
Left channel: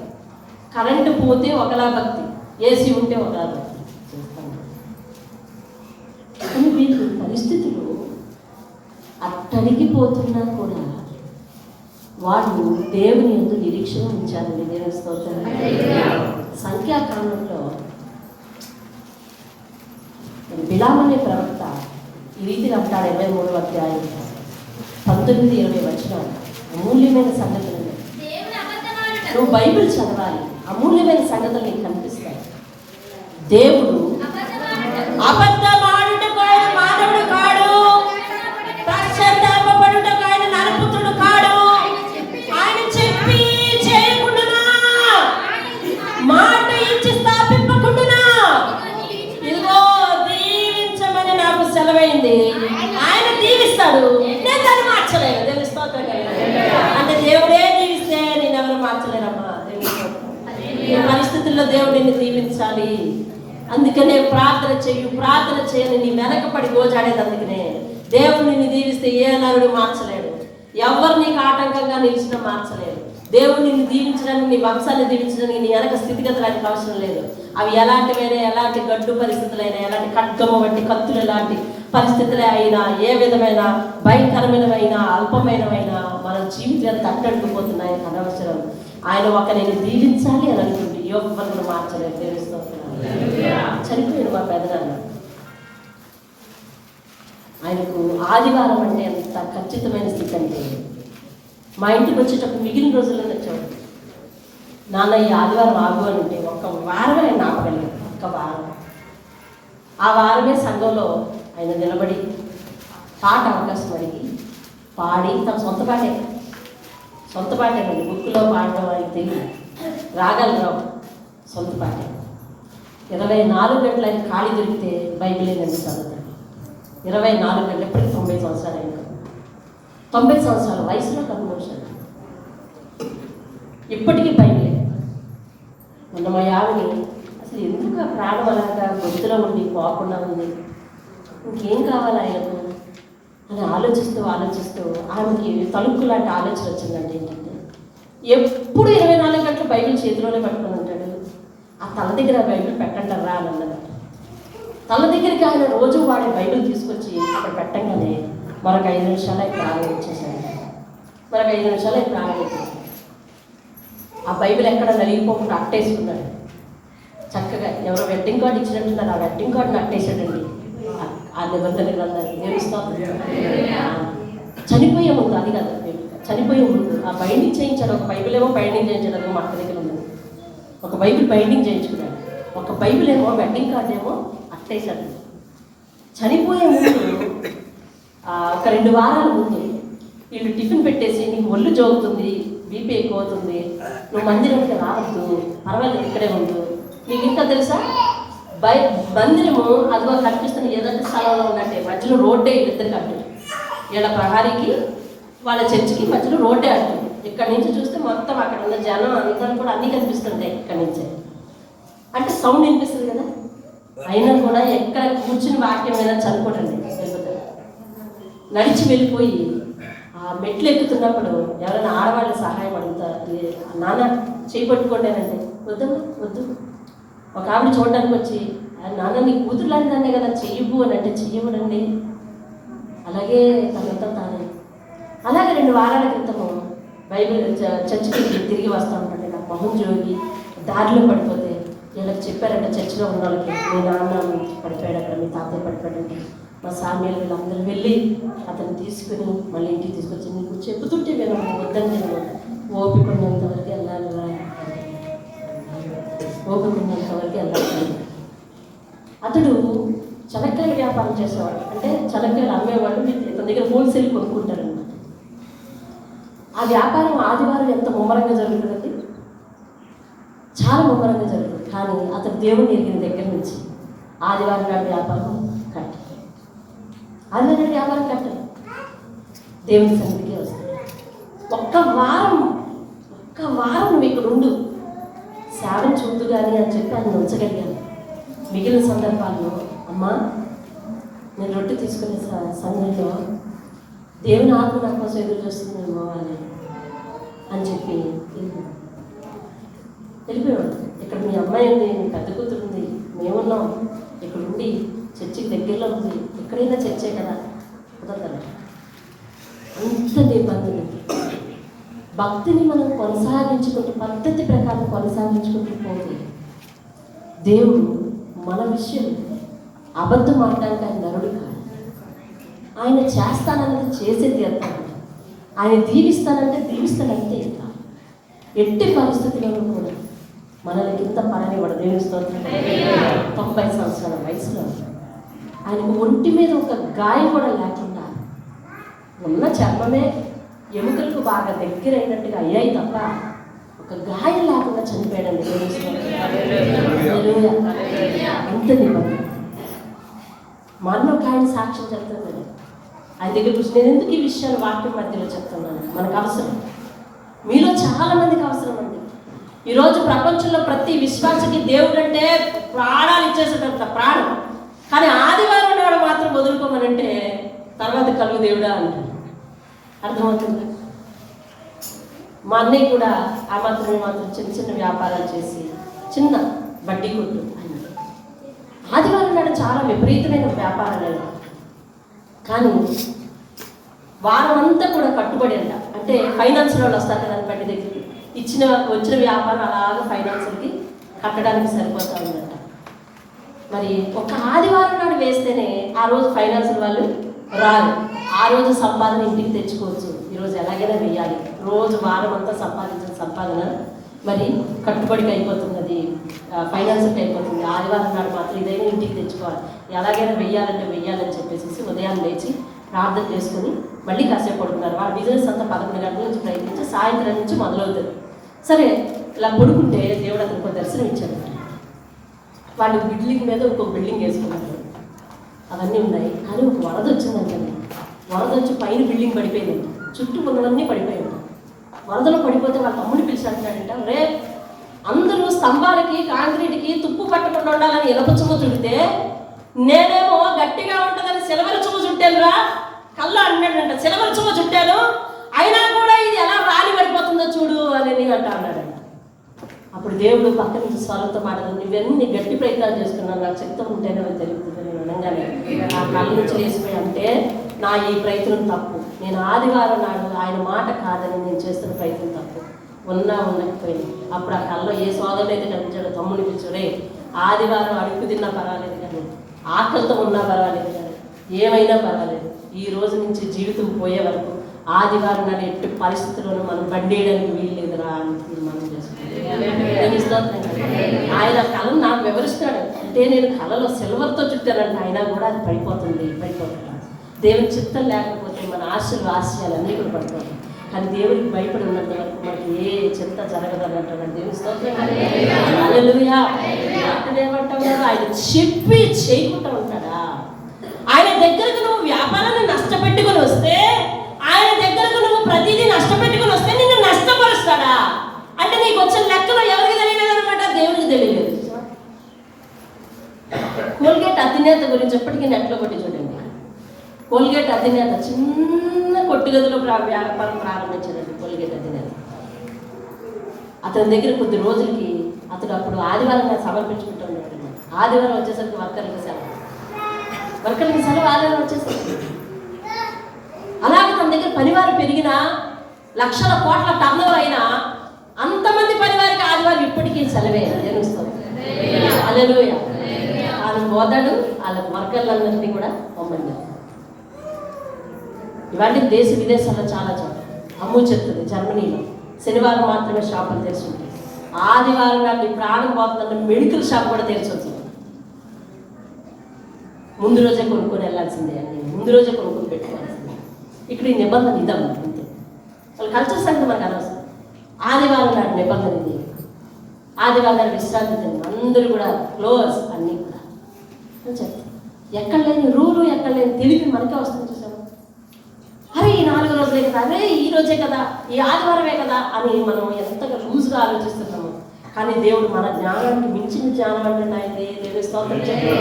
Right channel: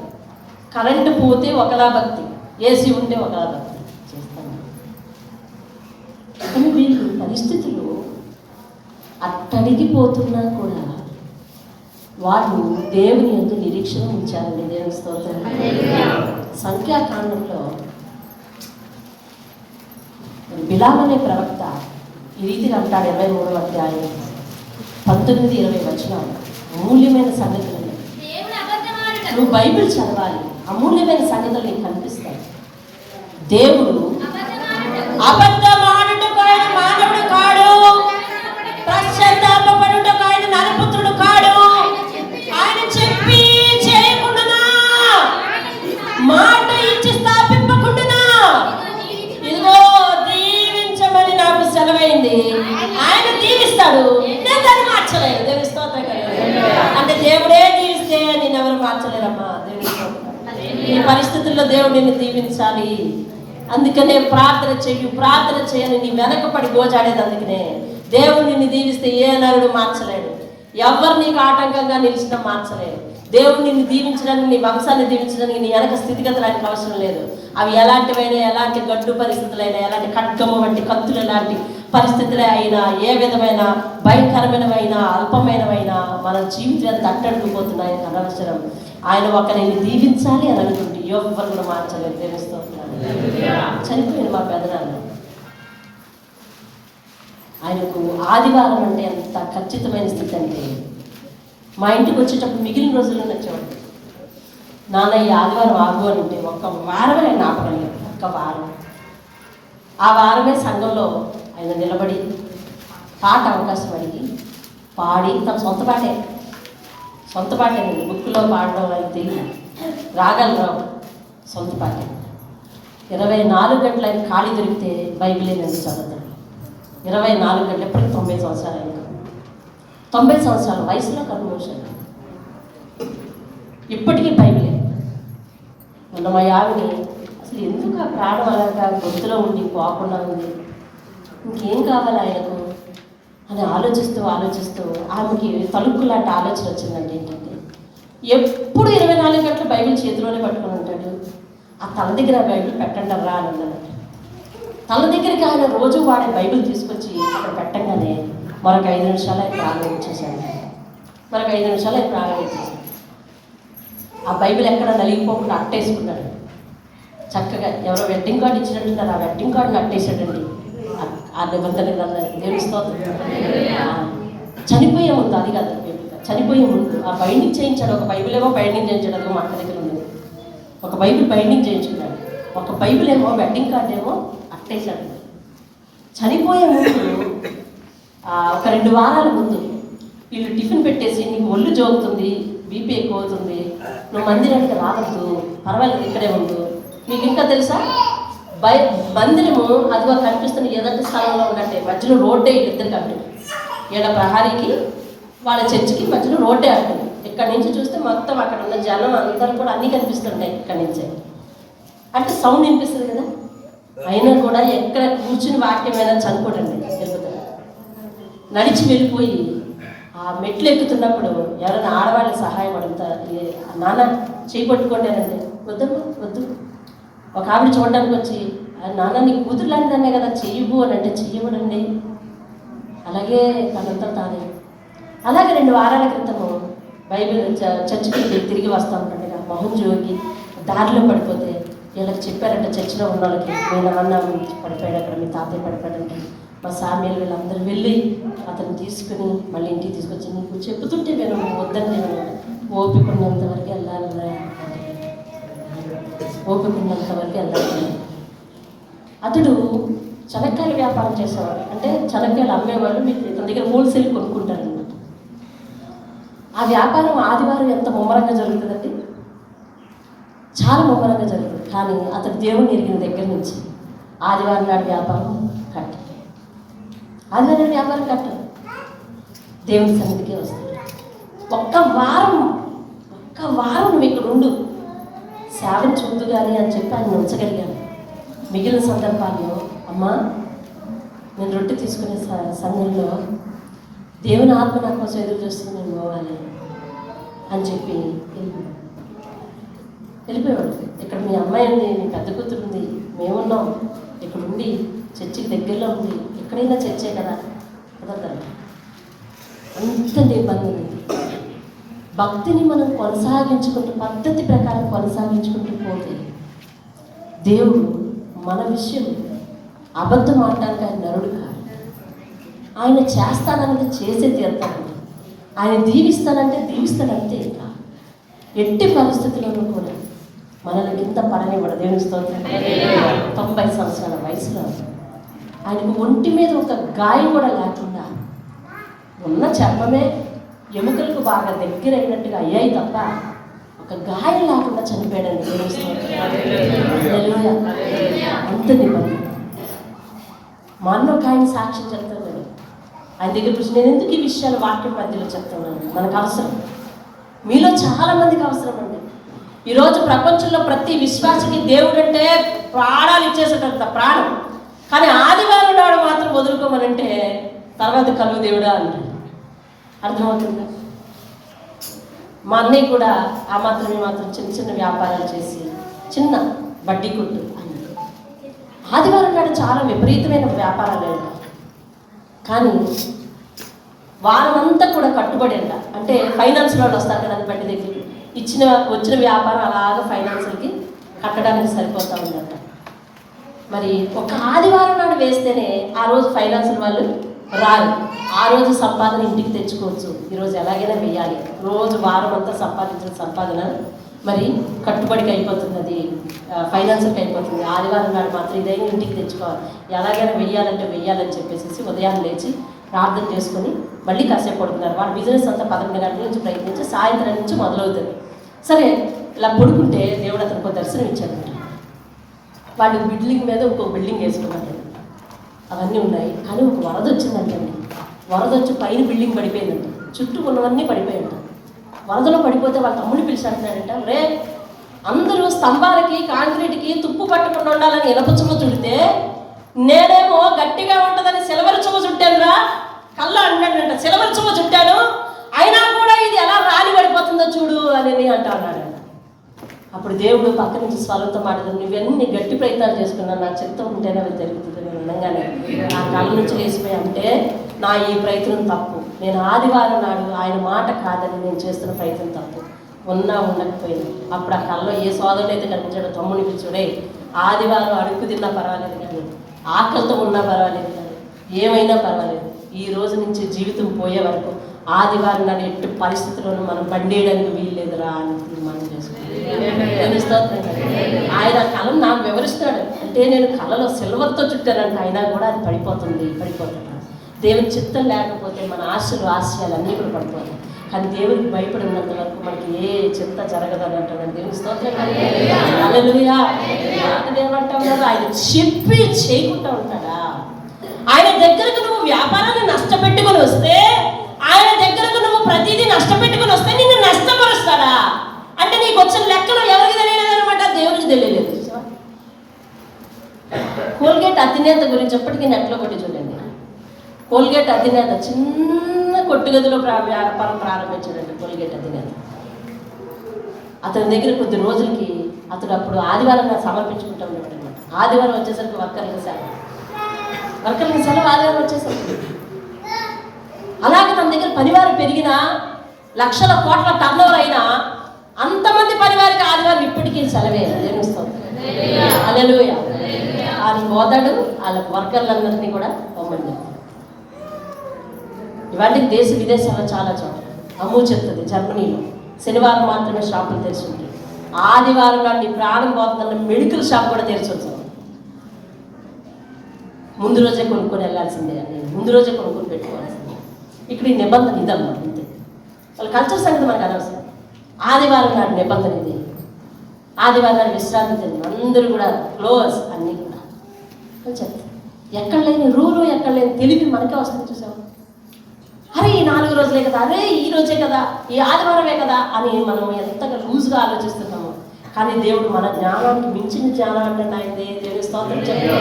కరెంటు పోతే ఒకలా భక్తి, ఏసీ ఉంటే ఒకలా భక్తి చేస్తాం. వీళ్ళు పరిస్థితులు అట్టడిగిపోతున్నా కూడా వాళ్ళు దేవుని యందు నిరీక్షణ ఉంచారండి. దేవుని స్తోత్రం. సంఖ్యాకాలంలో బిలాము అనే ప్రవక్త ఈ రీతిగా అంటాడు. 23వ అధ్యాయం 19-20 వచనాలు. అమూల్యమైన సంగతులు. నువ్వు బైబిల్ చదవాలి, అమూల్యమైన సంగతులు నీకు కనిపిస్తాయి. దేవుడు అబద్ధమాడుటకు ఆయన మానవుడు కాడు, పశ్చాత్తాపపడుటకు ఆయన నరపుత్రుడు కాడు. ఆయన చెప్పి చేయకుండునా, మాట ఇచ్చి స్థాపింపకుండునా. ఇదిగో దీవించమని నాకు సెలవైంది, ఆయన దీవిస్తాడు, నేను దాన్ని మార్చలేను. దేవుని స్తోత్రం. అంటే దేవుడే దీవిస్తే నేను ఎవరు మార్చలేరమ్మా. దేవుని స్తోత్రం. ఈ పరిస్థితుల్లో దేవుడిని దీవించాలి. అందుకనే ప్రార్థన చెయ్యి, ప్రార్థన చేయని నీ వెనకపడి గోజాడేది. అందుకనే దేవుడు నిన్ను దీవిస్తే ఏ నరుడు మార్చలేడు. ఎవరు నీకు ఆటంకంగా నిలిచినా మార్చలేరు. దేవుడు నిన్ను దీవించడానికి, నీ వంశాన్ని దీవించడానికి నీ వెనక స్థితిగతులకు అవసరం లేదు. అవి ఎలాంటివైనా, ఎలాంటి గడ్డు పరిస్థితులైనా, ఎలాంటి ఖడ్గము వంటి కత్తులు ఎలాంటి పరిస్థితులే అయినా, ఏ విధమైన భయంకరమైనవైనా అల్పమైనవైనా మన జీవితం ఎంత అట్టడిపోతున్నాయి అనవసరం. ఆయన ఒక నేను దీవించాలి అని అనుకుంటే ఎవరు మార్చలేదు. తెలుస్తున్నాను. చనిపోయిన మా పెదనాన్న, ఆయనకు ఆదివారం అంటే ఎంత ఖచ్చితమైన స్థితి అంటే, మా ఇంటికి వచ్చేటప్పుడు మిగిలిన రోజుల్లో వచ్చాడు. నాన్న ఈ ఆదివారం ఆగు అని ఉంటే ఒక వారమే ఆయన ఆపగలిగాడు. ఒక్క వారం. ఆ వారమే సంఘంలో ఆయన నిలబడి పాట అవకాశం అడిగి పాడి, తన సొంత పాటే బుక్లో పాడడం ఆయనకు తెలియదు, రాగాలు రావు, సొంత పాటే. 24 గంటలు ఆయన ఖాళీ దొరికితే బైబిలే నేను చదువుతాను. 24 గంటలు. ఎప్పటికీ 90 సంవత్సరాలు ఆయన. 90 సంవత్సరాల వయసులో కన్మోషన్. ఇప్పటికీ బైబిలే. మొన్న మా ఆవిడ అసలు ఎందుకు ఆ ప్రాణం అలాగా గొంతులో ఉండి పోకుండా ఉంది, ఇంకేం కావాలి ఆయనకు అని ఆలోచిస్తూ ఆమెకి తలుపు లాంటి ఆలోచన వచ్చిందంటే ఏంటంటే, ఎప్పుడు 24 గంటలు బైబిల్ చేతిలోనే పట్టుకొని ఉంటాడు. ఆ తల దగ్గర బైబిల్ పెట్టండి రా అని అన్నది. తల దగ్గరికి ఆయన రోజు వాడే బైబిల్ తీసుకొచ్చి అక్కడ పెట్టంగానే మరొక 5 నిమిషాలు ఆయన ప్రాణం ఇచ్చేసాడు. ఆ బైబిల్ ఎక్కడ నలిగిపోకుండా అట్టేసుకున్నాడు. చక్కగా ఎవరో వెడ్డింగ్ కార్డు ఇచ్చినట్టున్నారు, ఆ వెడ్డింగ్ కార్డుని అట్టేసాడండి. ఆ నిబంధన గ్రంథాన్ని దేవుస్తోంది. చనిపోయే ముందు, అది కాదు, చనిపోయే ముందు ఆ బైండింగ్ చేయించాడు. ఒక బైబిల్ ఏమో బైండింగ్ చేయించడానికి మా అక్క దగ్గర ఉంది. ఒక బైబిల్ బైండింగ్ చేయించుకున్నాడు, ఒక బైబిల్ ఏమో వెడ్డింగ్ కార్డు ఏమో అట్టేశాడు. చనిపోయే ముందు ఒక 2 వారాల ముందు వీళ్ళు టిఫిన్ పెట్టేసి, నీకు ఒళ్ళు జోగుతుంది, బీపీ ఎక్కువ అవుతుంది, నువ్వు మందిరానికి రావద్దు, పర్వాలేదు ఇక్కడే ఉండు. మీకు ఇంకా తెలుసా, మందిరము అదిగో కనిపిస్తున్న ఏదంటే స్థలంలో ఉన్నట్టే మధ్యలో రోడ్డే, ఇద్దరు కాబట్టి వీళ్ళ ప్రహారీకి వాళ్ళ చర్చికి మధ్యలో రోడ్డే అంటుంది. ఇక్కడ నుంచి చూస్తే మొత్తం అక్కడ ఉన్న జనం అందరూ కూడా అన్నీ కనిపిస్తుంటాయి ఇక్కడ నుంచే. అంటే సౌండ్ వినిపిస్తుంది కదా, అయినా కూడా ఎక్కడ కూర్చుని వాక్యం మీద చదువుకోడండి. నడిచి వెళ్ళిపోయి ఆ మెట్లు ఎక్కుతున్నప్పుడు ఎవరైనా ఆడవాళ్ళకి సహాయం అడుగుతారు, నాన్న చేయి పట్టుకోండారంటే వద్దు వద్దు. ఒక ఆవిడ చూడడానికి వచ్చి నాన్న నీ కూతురు లాంటిదన్నే కదా చెయ్యవు అని అంటే చెయ్యవునండి. అలాగే తనంతా తానే. అలాగే 2 వారాల క్రితము బైబిల్ చర్చికి తిరిగి వస్తూ ఉంటాడు. నాకు మొహం జోగి దారిలో పడిపోతే వీళ్ళకి చెప్పారంటే చర్చిలో ఉన్న వాళ్ళకి, మీ నాన్న పడిపోయాడు అక్కడ, మీ తాతయ్య పడిపోయాడంటే మా సామ్యాలు వీళ్ళందరూ వెళ్ళి అతను తీసుకుని మళ్ళీ ఇంటికి తీసుకొచ్చి నీకు చెబుతుంటే నేను వద్దని నేను ఓపిక ఉన్నంత వరకు వెళ్ళాలి, ఓపిక ఉన్నంత వరకు వెళ్ళాలి. అతడు చెనక్కాయ వ్యాపారం చేసేవాడు. అంటే చెనక్కాయలు అమ్మేవాళ్ళు మీకు ఇతని దగ్గర హోల్సేల్ కొనుక్కుంటారు అన్నమాట. ఆ వ్యాపారం ఆదివారం ఎంత ముమ్మరంగా జరుగుతుందండి, చాలా ముమ్మరంగా జరుగుతుంది. కానీ అతడు దేవుని ఎరిగిన దగ్గర నుంచి ఆదివారం నాడు వ్యాపారం కట్టాలి. ఆదివారం నాడు వ్యాపారం కట్టాలి, దేవుని సన్నిధికే వస్తుంది. ఒక్క వారం నువ్వు ఇక్కడ ఉండు, సేవను చూద్దు కానీ అని చెప్పి ఆయన ఉంచగలిగాను. మిగిలిన సందర్భాల్లో అమ్మా నేను రొట్టె తీసుకునే సమయంలో దేవుని ఆత్మ నా కోసం ఎదురు చూస్తుంది, నేను పోవాలి అని చెప్పి వెళ్ళిపోయాడు. ఇక్కడ మీ అమ్మాయి ఉంది, మీ పెద్ద కూతురు ఉంది, మేమున్నాం, ఇక్కడ ఉండి చర్చికి దగ్గరలో ఉంది, ఎక్కడైనా చర్చే కదా కుదరదు. అంత నిబంధన. భక్తిని మనం కొనసాగించుకుంటూ పద్ధతి ప్రకారం కొనసాగించుకుంటూ పోతే దేవుడు మన విషయం అబద్ధం ఆడడానికి ఆయన నరుడు కాదు. ఆయన చేస్తానంటే చేసే తీరుతాడు, ఆయన దీవిస్తానంటే దీవిస్తాడంతే. ఇట్లా ఎట్టి పరిస్థితుల్లో కూడా మనల్ని ఇంత పడనివ్వడు. దేవుని స్తోత్రం. 90 సంవత్సరాల వయసులో ఆయనకు ఒంటి మీద ఒక గాయం కూడా లేకుండా, ఉన్న చర్మమే ఎముకలకు బాగా దగ్గర అయినట్టుగా అయ్యాయి తప్ప ఒక గాయం లేకుండా చనిపోయాడండి. అంత నిబంధన. మొన్న ఒక ఆయన సాక్ష్యం చెప్తాను, ఆయన దగ్గర కూర్చొని నేను ఎందుకు ఈ విషయాలు వాక్యం మధ్యలో చెప్తున్నాను, మనకు అవసరం, మీలో చాలా మందికి అవసరం అండి. ఈరోజు ప్రపంచంలో ప్రతి విశ్వాసకి దేవుడు అంటే ప్రాణాలు ఇచ్చేసేటంత ప్రాణం. కానీ ఆదివారం నాడు మాత్రం వదులుకోమనంటే తర్వాత కలుగు దేవుడా అంటారు. అర్థమవుతుంది. మా అన్నయ్య కూడా ఆ మాత్రం చిన్న చిన్న వ్యాపారాలు చేసి చిన్న వడ్డీ కొట్టు అని. ఆదివారం నాడు చాలా విపరీతమైన వ్యాపారాలు లేదు, కానీ వారం అంతా కూడా కట్టుబడి అంట. అంటే ఫైనాన్స్ వాళ్ళు వస్తారు కదా బట్టి దగ్గర వచ్చిన వ్యాపారం అలాగా ఫైనాన్స్కి కట్టడానికి సరిపోతా ఉందంట. మరి ఒక ఆదివారం నాడు వేస్తేనే ఆ రోజు ఫైనాన్షియల్ వాళ్ళు రారు, ఆ రోజు సంపాదన ఇంటికి తెచ్చుకోవచ్చు. ఈరోజు ఎలాగైనా వేయాలి, రోజు వారం అంతా సంపాదించిన సంపాదన మరి కట్టుబడికి అయిపోతుంది, అది ఫైనాన్స్కి అయిపోతుంది. ఆదివారం నాడు మాత్రం ఇదైనా ఇంటికి తెచ్చుకోవాలి, ఎలాగైనా వెయ్యాలని చెప్పేసి ఉదయం లేచి ప్రార్థన చేసుకుని మళ్ళీ కాసేపు పడుకున్నారు. వాళ్ళ బిజినెస్ అంతా 11 గంటల నుంచి ప్రయత్నించి సాయంత్రం నుంచి మొదలవుతుంది. సరే ఇలా పడుకుంటే దేవుడు అతనికి ఒక దర్శనం ఇచ్చాడు. వాళ్ళు బిల్డింగ్ మీద ఒక బిల్డింగ్ వేసుకున్నారు, అవన్నీ ఉన్నాయి. కానీ ఒక వరద వచ్చిందంటే, వరద వచ్చి పైన బిల్డింగ్ పడిపోయిందంట, చుట్టూ ఉన్నవన్నీ పడిపోయిందంట. వరదలో పడిపోతే వాళ్ళ తమ్ముడిని పిలిచి అంటున్నాడంట, రే అందరూ స్తంభాలకి కాంక్రీట్కి తుప్పు పట్టకుండా ఉండాలని ఇనప చుమ్మ చుడితే నేనేమో గట్టిగా ఉంటుందని సిల్వర్ చుమ్మ చుట్టానురా కళ్ళ అన్నాడంట. సిల్వర్ చుమ్మ చుట్టాను, అయినా కూడా ఇది ఎలా రాలి పడిపోతుందో చూడు అని అంటున్నాడంట. అప్పుడు దేవుడు పక్క నుంచి స్వరంతో మాట్లాడు, నువ్వన్నీ గట్టి ప్రయత్నాలు చేసుకున్నాను, నాకు చెప్తూ ఉంటేనే అది జరుగుతుంది. నేను ఉండగానే నా కళ్ళ నుంచి వేసిపోయి అంటే నా ఈ ప్రయత్నం తప్పు, నేను ఆదివారం నాడు ఆయన మాట కాదని నేను చేస్తున్న ప్రయత్నం తప్పు, ఉండకపోయింది. అప్పుడు ఆ కళ్ళలో ఏ సోదరుడు అయితే కనిపించాడో తమ్ముని పిలిచాడే, ఆదివారం అడుగు తిన్నా పర్వాలేదు కానీ ఆకలితో ఉన్నా పర్వాలేదు కానీ ఏమైనా పర్వాలేదు, ఈ రోజు నుంచి జీవితం పోయే వరకు ఆదివారం నాడు ఎట్టి పరిస్థితుల్లోనూ మనం బండేయడానికి వీల్లేదురా అని తీర్మానం చేసుకుంటాం. ఆయన కళను నాకు వివరిస్తాడు. అంటే నేను కళలో సిల్వర్తో చుట్టానంటే అయినా కూడా అది పడిపోతుంది. దేవుని చిత్తం లేకపోతే మన ఆశయాలు అన్నీ కూడా పడిపోతాయి. కానీ దేవునికి భయపడి ఉన్నంత వరకు మనకి ఏ చింత జరగదని అంటాడు. దేవుని స్తోత్రం. హల్లెలూయా. ఆయన చెప్పి చేయకుండా ఉంటాడా? ఆయన దగ్గరకు నువ్వు వ్యాపారాన్ని నష్టపెట్టుకుని వస్తే, ఆయన దగ్గరకు నువ్వు ప్రతిదీ నష్టపెట్టుకుని వస్తే నిన్ను అధినేత గురించి ఎప్పటికీ నెట్లో కొట్టి చూడండి. కోల్గేట్ అధినేత చిన్న కొట్టుగదిలో వ్యాపారం ప్రారంభించాడండి. కోల్గేట్ అధినేత అతని దగ్గర కొద్ది రోజులకి అప్పుడు ఆదివారంగా సమర్పించుకుంటూ ఉండేవాడు. ఆదివారం వచ్చేసరికి వర్కర్లకి సెలవు ఆదివారం వచ్చేసరికి. అలాగే తన దగ్గర పనివారు పెరిగినా, లక్షల కోట్ల టర్నోవర్ అయినా, అంతమంది పనివారికి ఆదివారం ఇప్పటికీ సెలవే. తెలుస్తాం హల్లెలూయా. ఆయన పోతాడు, వాళ్ళకి వర్కర్లందరినీ కూడా పంపండి. ఇవన్నీ దేశ విదేశాల్లో చాలా చోట అమ్ము చెప్తుంది. జర్మనీలో శనివారం మాత్రమే షాపులు తెరిచి ఉంటాయి. ఆదివారం నాటి ప్రాణం పోతుందంటే మెడికల్ షాప్ కూడా తెరిచి వచ్చాం. ముందు రోజే కొనుక్కొని వెళ్ళాల్సిందే అని, ముందు రోజే కొనుక్కొని పెట్టుకోవాల్సిందే. ఇక్కడ ఈ నిబంధన ఇదమ్మా, అంతే. వాళ్ళ కల్చర్ సంగతి మనకు అనవసరం. ఆదివారం నాటి నిబంధన ఇది. ఆదివారం నాటి విశ్రాంతి తిని అందరూ కూడా క్లోజ్ అన్నీ కూడా చెప్తారు. ఎక్కడ లేని రూలు, ఎక్కడ లేని తెలివి మనకే వస్తుంది. చూసాము, అరే ఈ 4 రోజులే కదా, అరే ఈ రోజే కదా, ఈ ఆదివారమే కదా అని మనం ఎంతగా లూజ్గా ఆలోచిస్తున్నాము. కానీ దేవుడు మన జ్ఞానానికి మించిన జ్ఞానం అంటే నాయనే. దేవుని స్తోత్రం చెప్పండి.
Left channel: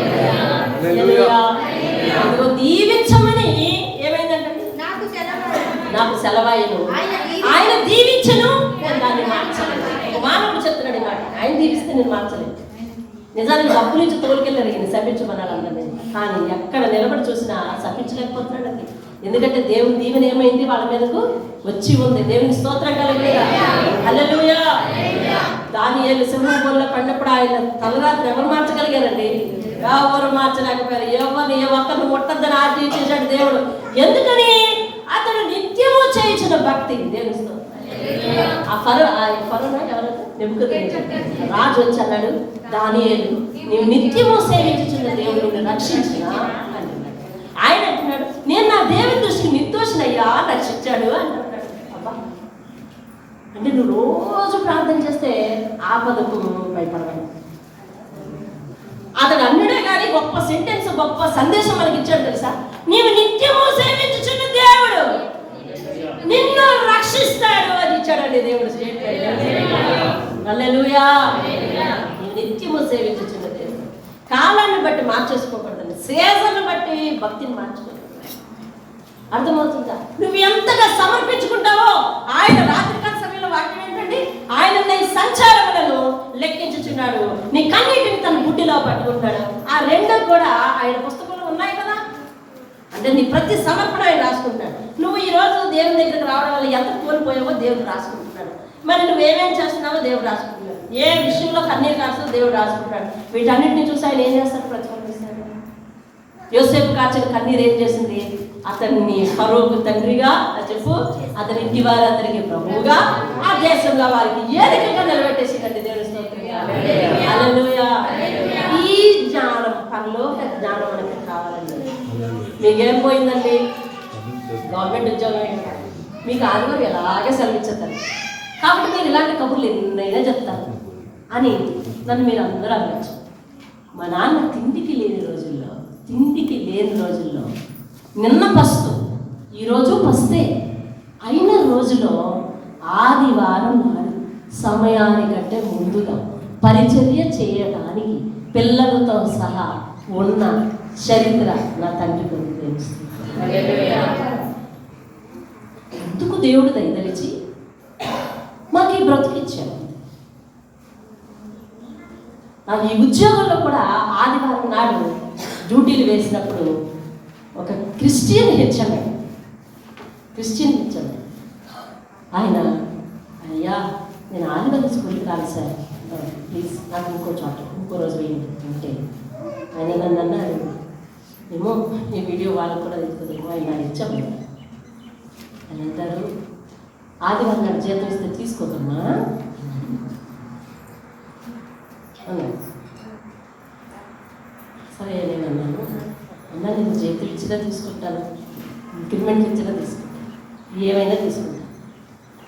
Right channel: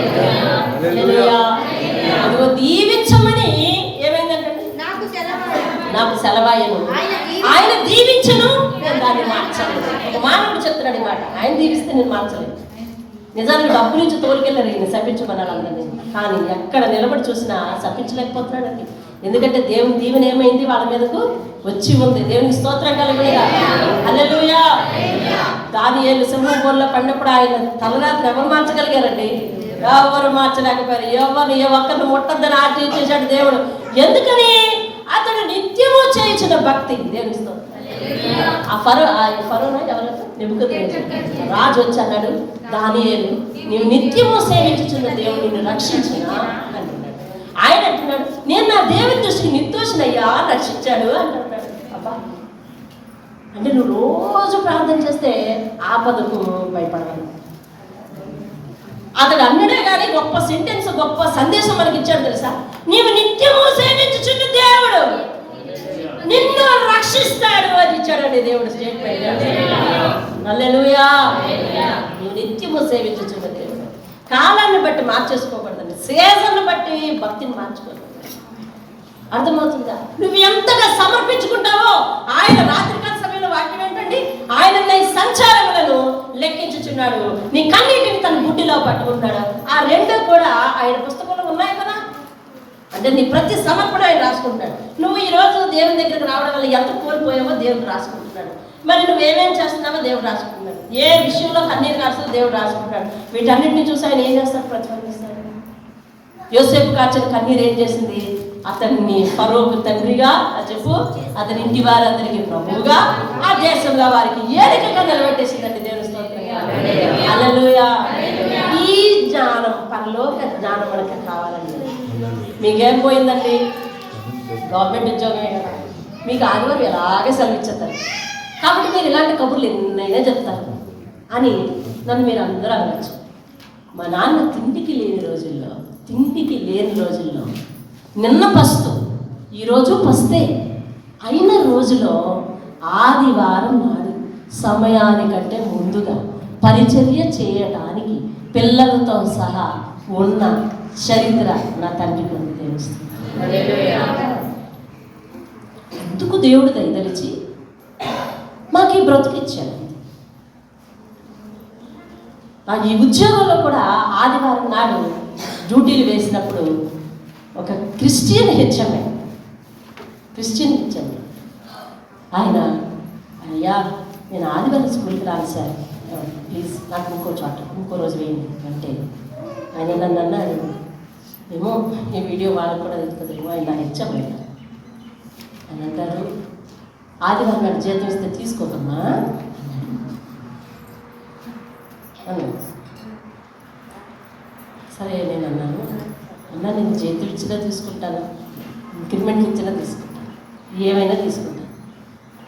అదిగో దీవించమని ఏమైందంటే, నాకు సెలవాయను, ఆయన దీవించను, నేను దాన్ని మార్చలేదు. ఒక మానవుడు చెప్తున్నాడు ఈ మాట, ఆయన దీవిస్తే నేను మార్చలేదు. నిజానికి డబ్బు నుంచి తోలికెళ్ళారు ఈయన శపించమన్నాడు అందరినీ. కానీ ఎక్కడ నిలబడి చూసినా శపించలేకపోతున్నాడు అది. ఎందుకంటే దేవుని దీవెన ఏమైంది, వాళ్ళ మీదకు వచ్చి ఉంది. దేవునికి స్తోత్రం కలుగునుగా. హల్లెలూయా. దానియేలు సింహంలో పడినప్పుడు ఆయన తలరాత్రి ఎవరు మార్చగలిగారండి? ఎవరు మార్చలేకపోయారు. ఏ ఒక్కరిని ముట్టద్దని ఆజ్ఞ చేశాడు దేవుడు. ఎందుకని? అతడు నిత్యము చేయించిన భక్తి. దేవుని స్తోత్రం. ఆ ఫరోనా ఎవరైతే నెబుకద్నెజరు రాజు వచ్చి అన్నాడు, దానియేలు నీవు నిత్యము సేవించుచున్న దేవుడు నిన్ను రక్షించిన అంటున్నాడు. ఆయన అంటున్నాడు, నేను నా దేవుని దృష్టికి నిర్దోషినయ్యా, రక్షించాడు అంటున్నాడు. అబ్బా, అంటే నువ్వు రోజు ప్రార్థన చేస్తే ఆపదకు భయపడాలి. అతడు అన్నడే కానీ గొప్ప సెంటెన్స్, గొప్ప సందేశం మనకి ఇచ్చాడు తెలుసా? నీవు నిత్యము సేవించుచున్న దేవుడు నిన్ను రక్షిస్తాడు అని ఇచ్చాడండి దేవుడు స్టేట్మెంట్. హల్లెలూయా. నువ్వు నిత్యము సేవించుచున్న దేవుడు. కాలాన్ని బట్టి మార్చేసుకోకూడదండి, సీజన్ బట్టి భక్తిని మార్చుకోకూడదు. అర్థమవుతుందా? నువ్వు ఎంతగా సమర్పించుకుంటావో ఆయన రాత్రికాల సమయంలో వాక్యం ఏంటండి, ఆయన నీ సంచారములను లెక్కించుచున్నాడు, నీ కన్నీటిని తన బుడ్డిలో పట్టుకుంటాడు. ఆ రెండు కూడా ఆయన పుస్తకంలో ఉన్నాయి కదా. అంటే నీ ప్రతి సమర్పణ ఆయన రాసుకుంటాడు. నువ్వు ఈ రోజు దేవుని దగ్గరికి రావడం వల్ల ఎంత కోల్పోయావో దేవుడు రాసుకుంటున్నాడు. మరి నువ్వేమేం చేస్తున్నావో దేవుడు రాసుకుంటున్నాడు. ఏ విషయంలో కన్నీరు కాస్తుందో దేవుడు రాసుకుంటున్నాడు. వీటన్నిటిని చూసి ఆయన ఏం చేస్తాడు? ప్రతిఫలిస్తాడు. యోసేపు కార్చిన కన్నీరు ఏం చేసింది? అతన్ని ఫరోకు తండ్రిగా చెప్పు, అతని ఇంటి వారందరికీ ప్రభువుగా, ఆ దేశంగా వారికి ఏలికగా నిలబెట్టేసిందండి. దేవుని స్తోత్రంగా. హల్లెలూయా. ఈ జ్ఞానం, పరలోక జ్ఞానం మనకి కావాలండి. మీకేం పోయిందండి? గవర్నమెంట్ ఉద్యోగమే కదా, మీకు ఆదివారం ఎలాగే సెలవిచ్చేస్తారు. కాబట్టి మీరు ఇలాంటి కబుర్లు ఎన్నైనా చెప్తారు అని నన్ను మీరు అందరూ అనవచ్చు. మా నాన్న తిండికి లేని రోజుల్లో నిన్న పస్తు, ఈరోజు పస్తే అయిన రోజులో ఆదివారం నాడు సమయానికంటే ముందుగా పరిచర్య చేయడానికి పిల్లలతో సహా ఉన్న చరిత్ర నా తండ్రికి ఉంది. తెలుస్తుంది. ఎందుకు దేవుడు దయదలిచి మాకు ఈ బ్రతుకిచ్చాడు. నాకు ఈ ఉద్యోగంలో కూడా ఆదివారం నాడు డ్యూటీలు వేసినప్పుడు ఒక క్రిస్టియన్ హెచ్ఎంఐ ఆయన, అయ్యా నేను ఆదివారం స్కూల్కి రాను సార్, ప్లీజ్ నాకు ఇంకో రోజు వేయండి అంటే ఆయన నన్ను అన్నాడు, ఏమో ఈ వీడియో వాళ్ళకు కూడా తెలుస్తుందేమో, ఆయన నా హెచ్ఎంఐ అని అంటారు, ఆదివారం నాడు జీతం ఇస్తే తీసుకోకమ్మా అన్నాడు. సరే నేను అన్నాను, అన్నా నేను చేతులు ఇచ్చినా తీసుకుంటాను, ఇంక్రిమెంట్ ఇచ్చినా తీసుకుంటాను, ఏమైనా తీసుకుంటాను.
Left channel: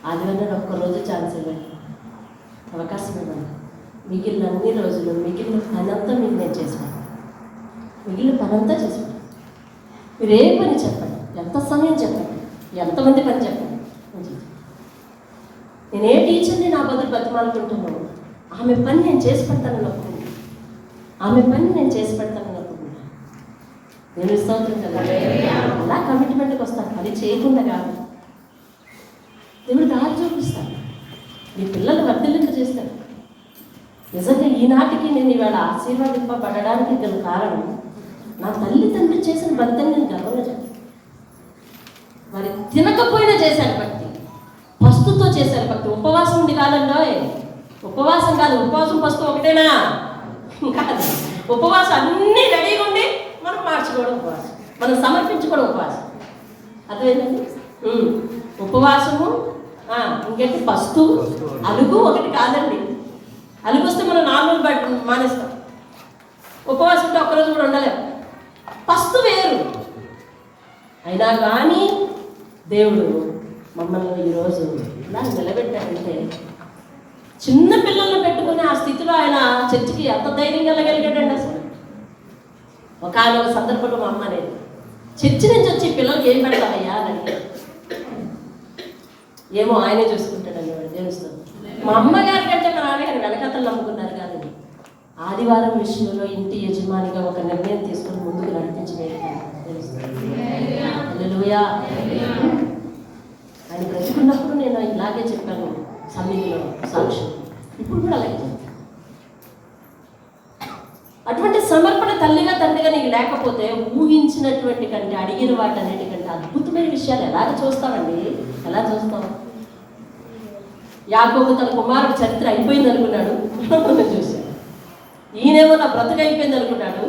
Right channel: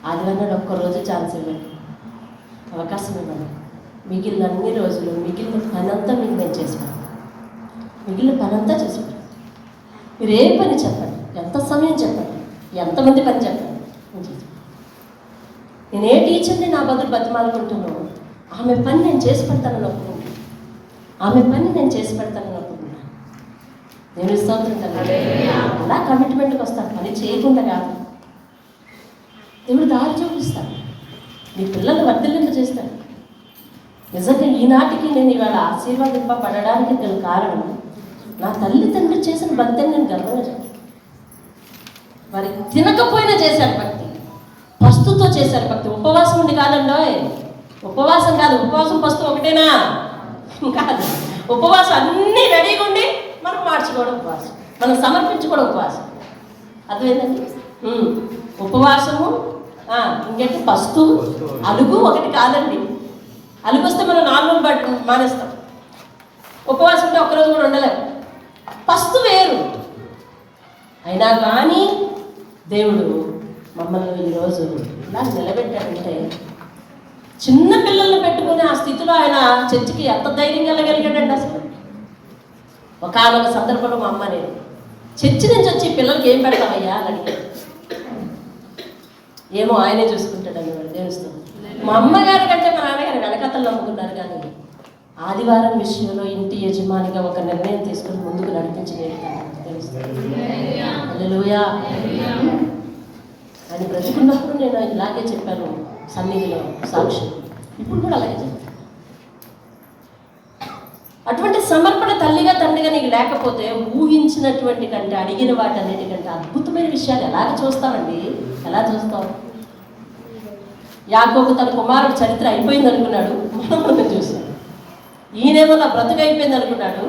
ఆదివారం ఒక్కరోజు ఛాన్స్ ఇవ్వండి, అవకాశం ఇవ్వండి. మిగిలిన అన్ని రోజులు మిగిలిన పనంతా మీకు నేను చేసుకుంటాను. మీరు ఏ పని చెప్పండి, ఎంత సమయం చెప్పండి, ఎంతమంది పని చెప్పండి. నేను ఏ టీచర్ని నా బదులు బతిమాలుకుంటున్నాను, ఆమె పని నేను చేసి పెడతాను అనుకుంటున్నాను. దేవుని స్తోత్రం కలుగుతుంది. అలా కమిట్మెంట్కి వస్తాడు, అది చేయకుండా కాదు. దేవుడు దారి చూపిస్తాడు, నీ పిల్లలు వర్ధిల్లింప చేస్తాడు. నిజంగా ఈనాటికి నేను ఇవాళ ఆశీర్వాదింపబడడానికి గల కారణం నా తల్లిదండ్రులు చేసిన భక్తిని నేను గర్వపడతాను. వారి తినకపోయినా చేశారు భక్తి, పస్తుతో చేశారు భక్తి. ఉపవాసం ఉండి కాలంలో ఉపవాసం కాదు, ఉపవాసం పస్తు ఒకటేనా కాదు. ఉపవాసం అన్నీ రెడీగా ఉండి మనం మార్చుకోవడం ఉపవాసం, మనం సమర్పించుకోవడం ఉపవాసం. అదేంటండి ఉపవాసము. ఇంకేంటి పస్తు, అలుగు ఒకటి కాదండి. అలుగు వస్తే మనం నార్మల్ బట్ మానేస్తాం. ఉపవాసం ఉంటే ఒక్కరోజు కూడా ఉండలేము. పస్తు వేరు. అయినా కానీ దేవుడు మమ్మల్ని ఈరోజు ఇలా నిలబెట్టాడంటే, చిన్న పిల్లల్ని పెట్టుకుని ఆ స్థితిలో ఆయన చర్చికి ఎంత ధైర్యంగా వెళ్ళగలిగాడండి. అసలు ఒకనొక సందర్భంలో మా అమ్మ నేను చర్చి నుంచి వచ్చి పిల్లలకి ఏం పెడతామయ్యా అని అడిగాను. ఏమో ఆయనే చూసుకుంటాడని దేవుస్తాం. మా అమ్మగారి కంటే మా నాన్నగారు వెనకతలు నమ్ముకున్నారు, కానీ ఆదివారం విషయంలో ఇంటి యజమానిగా ఒక నిర్ణయం తీసుకుని ముందుకు నడిపించలేదు. హల్లెలూయా. ఆయన బ్రతుకున్నప్పుడు నేను ఇలాగే చెప్పాను సన్నిధిలో సాక్షి, ఇప్పుడు కూడా అలాగే చెప్తాను. అటువంటి సమర్పణ తల్లిగా తండ్రిగా నీకు లేకపోతే ఊహించినటువంటి కంటే, అడిగిన వాటి అన్నిటికంటే అద్భుతమైన విషయాలు ఎలాగ చూస్తామండి, ఎలా చూస్తాం? యాకోబు తన కుమారుడు చరిత్ర అయిపోయింది అనుకున్నాడు, మనం చూశాడు. ఈయనేమో నా బ్రతుకు అయిపోయింది అనుకున్నాడు,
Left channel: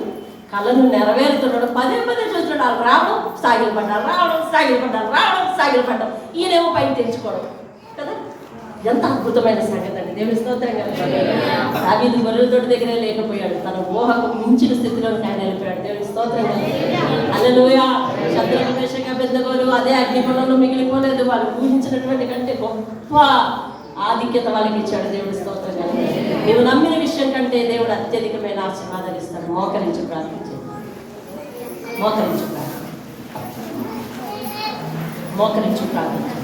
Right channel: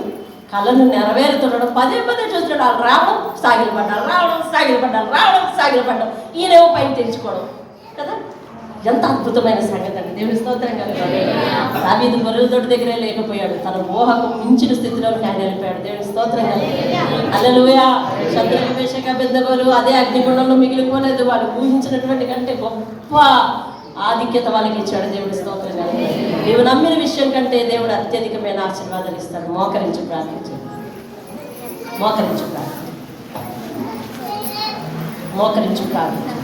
కళ్ళను నెరవేరుతున్నాడు. పదే పదే చూస్తున్నాడు. వాళ్ళు రావడం సాగిలు పడ్డారు, రావడం సాగిలు పడ్డారు, రావడం సాగిలు పడ్డారు. ఈయనేమో పైకి తెచ్చుకోవడం కదా. ఎంత అద్భుతమైన సంగతి అండి. దేవుని స్తోత్రం కదా. దావీదు గొర్రెల తోటి దగ్గరే లేకపోయాడు, తన ఊహకు మించిన స్థితిలో ఆయన వెళ్ళిపోయాడు. దేవుని స్తోత్రం కదా. హల్లెలూయా. శద్రక మేషక అబేద్నెగోలు అదే అగ్నిగుండంలో మిగిలిపోలేదు. వాళ్ళు ఊహించినటువంటి కంటే గొప్ప ఆధిక్యత వాళ్ళకి ఇచ్చాడు. దేవుడి స్తోత్రం కదా. నీవు నమ్మిన విషయం కంటే దేవుడు అత్యధికమైన ఆశీర్వాదాలు ఇస్తాడు. మోకరించి ప్రార్థించండి, మోకరించి ప్రార్థించండి, మోకరించి ప్రార్థించండి.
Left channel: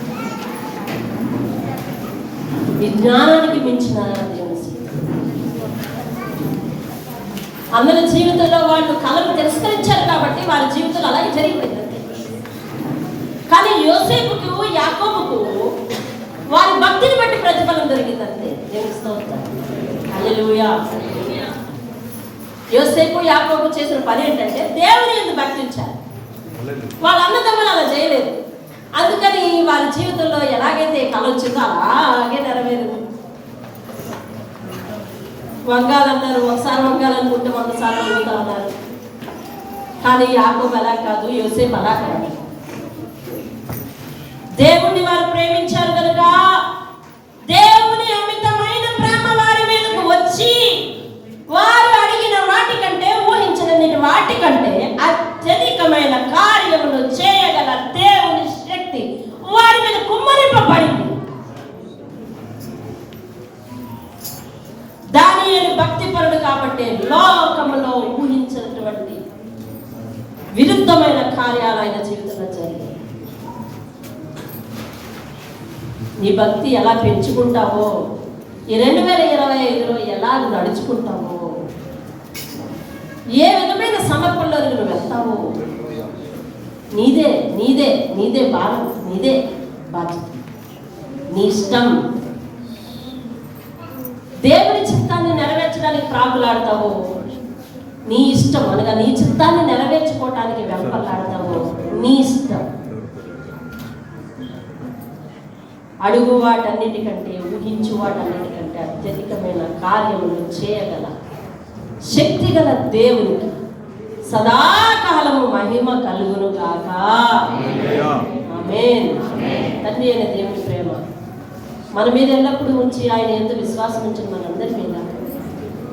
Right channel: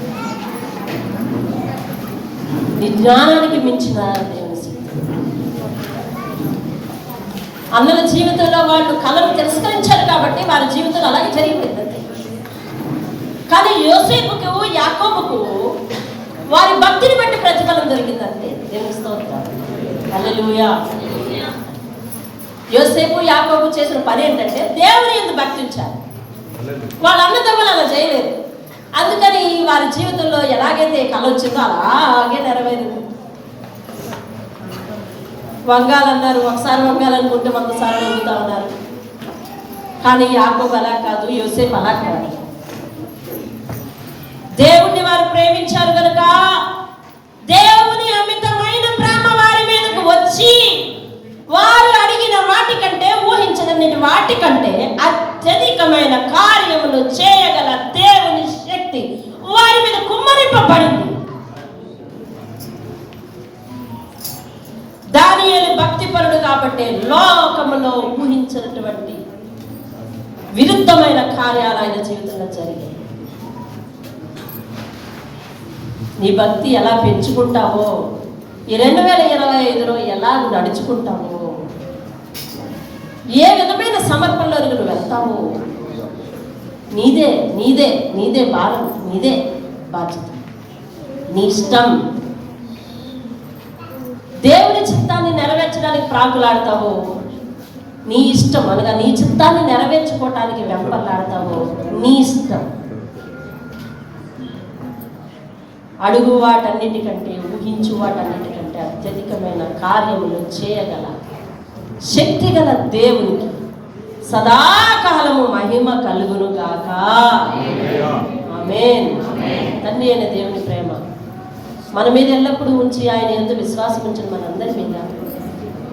నీ జ్ఞానానికి మించిన దేవుని అన్నల జీవితంలో వాళ్ళు కళను తిరస్కరించారు కాబట్టి వారి జీవితంలో అలాగే జరిగిపోయిందండి. కానీ యోసేపుకు యాకోబుకు వారి భక్తిని బట్టి ప్రతిఫలం దొరికిందండి. దేవుని స్తోత్రం. హల్లెలూయా. యోసేపు యాకోబు చేసిన పని ఏంటంటే దేవుని యందు భక్తించారు. వాళ్ళ అన్నదమ్ములు అలా చేయలేదు. అందుకని వారి జీవితంలో ఎలాగైతే కళ వచ్చిందో అలాగే నెరవేరింది. వంగాలన్నారు, ఒకసారి వంగాలనుకుంటే 100 సార్లు వంగుతా ఉన్నారు. కానీ యాకోబు అలా కాదు, యోసేపు అలా కాదు. దేవుణ్ణి వారు ప్రేమించారు కనుక దేవుని అమితమైన ప్రేమ వారి మీదకు వచ్చి వారు అడిగిన వాటి కంటే, ఊహించిన వాటి కంటే అత్యధికమైన కార్యములు చేయగల దేవుని శక్తి వారి మీద కుమ్మరింపబడింది. దానియేలు భక్తిపరుడు కాబట్టి లోకములో ఊహించినటువంటి విరుద్ధమైన కార్యాలు ఆయన జీవితంలో జరిగాయి. నీ భక్తి ఎలా పెంచుకుంటావో, ఈ 2025లో ఎలా నడుచుకుంటావో, ఏ విధమైన సమర్పణలోకి నువ్వు వెళ్తావో, నీదే నీదే నీదే భారం, నీదే బాధ్యత, నీ ఇష్టం. దేవుని చిత్తాన్ని నెరవేర్చడానికి ప్రాకులాడతావు, నీ ఇష్టం. అనగా నీ చిత్తాన్ని నెరవేర్చుకోవటానికి వెంపలాడతావు, నీ ఇష్టం. అడుగు వాటన్నిటికంటే, ఊహించు వాటన్నిటికంటే అత్యధికమైన కార్యములు చేయగల శక్తిగల దేవునికి సదాకాలము మహిమ కలుగును గాక. ఆమేన్. తండ్రి అయిన దేవుని ప్రేమ మన మీద ఎల్లప్పుడూ ఉంచి, ఆయన ఎంతో విశ్వాసం ఉంచిన మనందరి మీద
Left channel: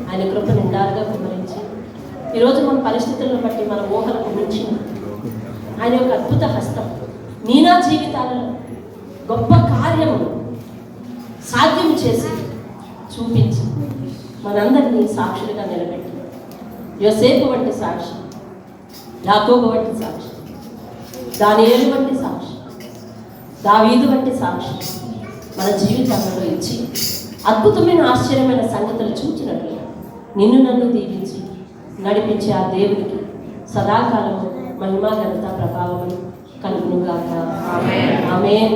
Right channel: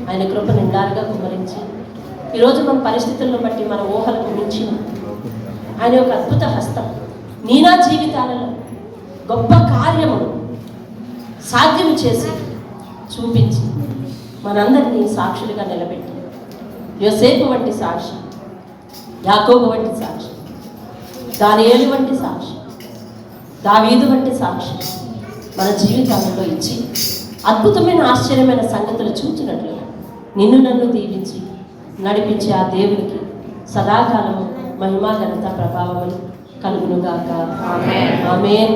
ఆయన కృప నిండారుగా కుమరించి, ఈరోజు మన పరిస్థితులను బట్టి మన ఊహలకు మించి ఆయన యొక్క అద్భుత హస్తం నీనా జీవితాలలో గొప్ప కార్యములు సాధ్యం చేసి చూపించి మనందరినీ సాక్షులుగా నిలబెట్టి, యోసేపు వంటి సాక్షి, యాకోబు వంటి సాక్షి, దానియేలు వంటి సాక్షి, దావీదు వంటి సాక్షి మన జీవితాలలో ఇచ్చి అద్భుతమైన ఆశ్చర్యమైన సంగతులు చూచినట్లుగా నిన్ను నన్ను దీవించి నడిపించే ఆ దేవునికి సదాకాలము మహిమ ఘనత ప్రభావం కలుగును గాక. ఆమేన్.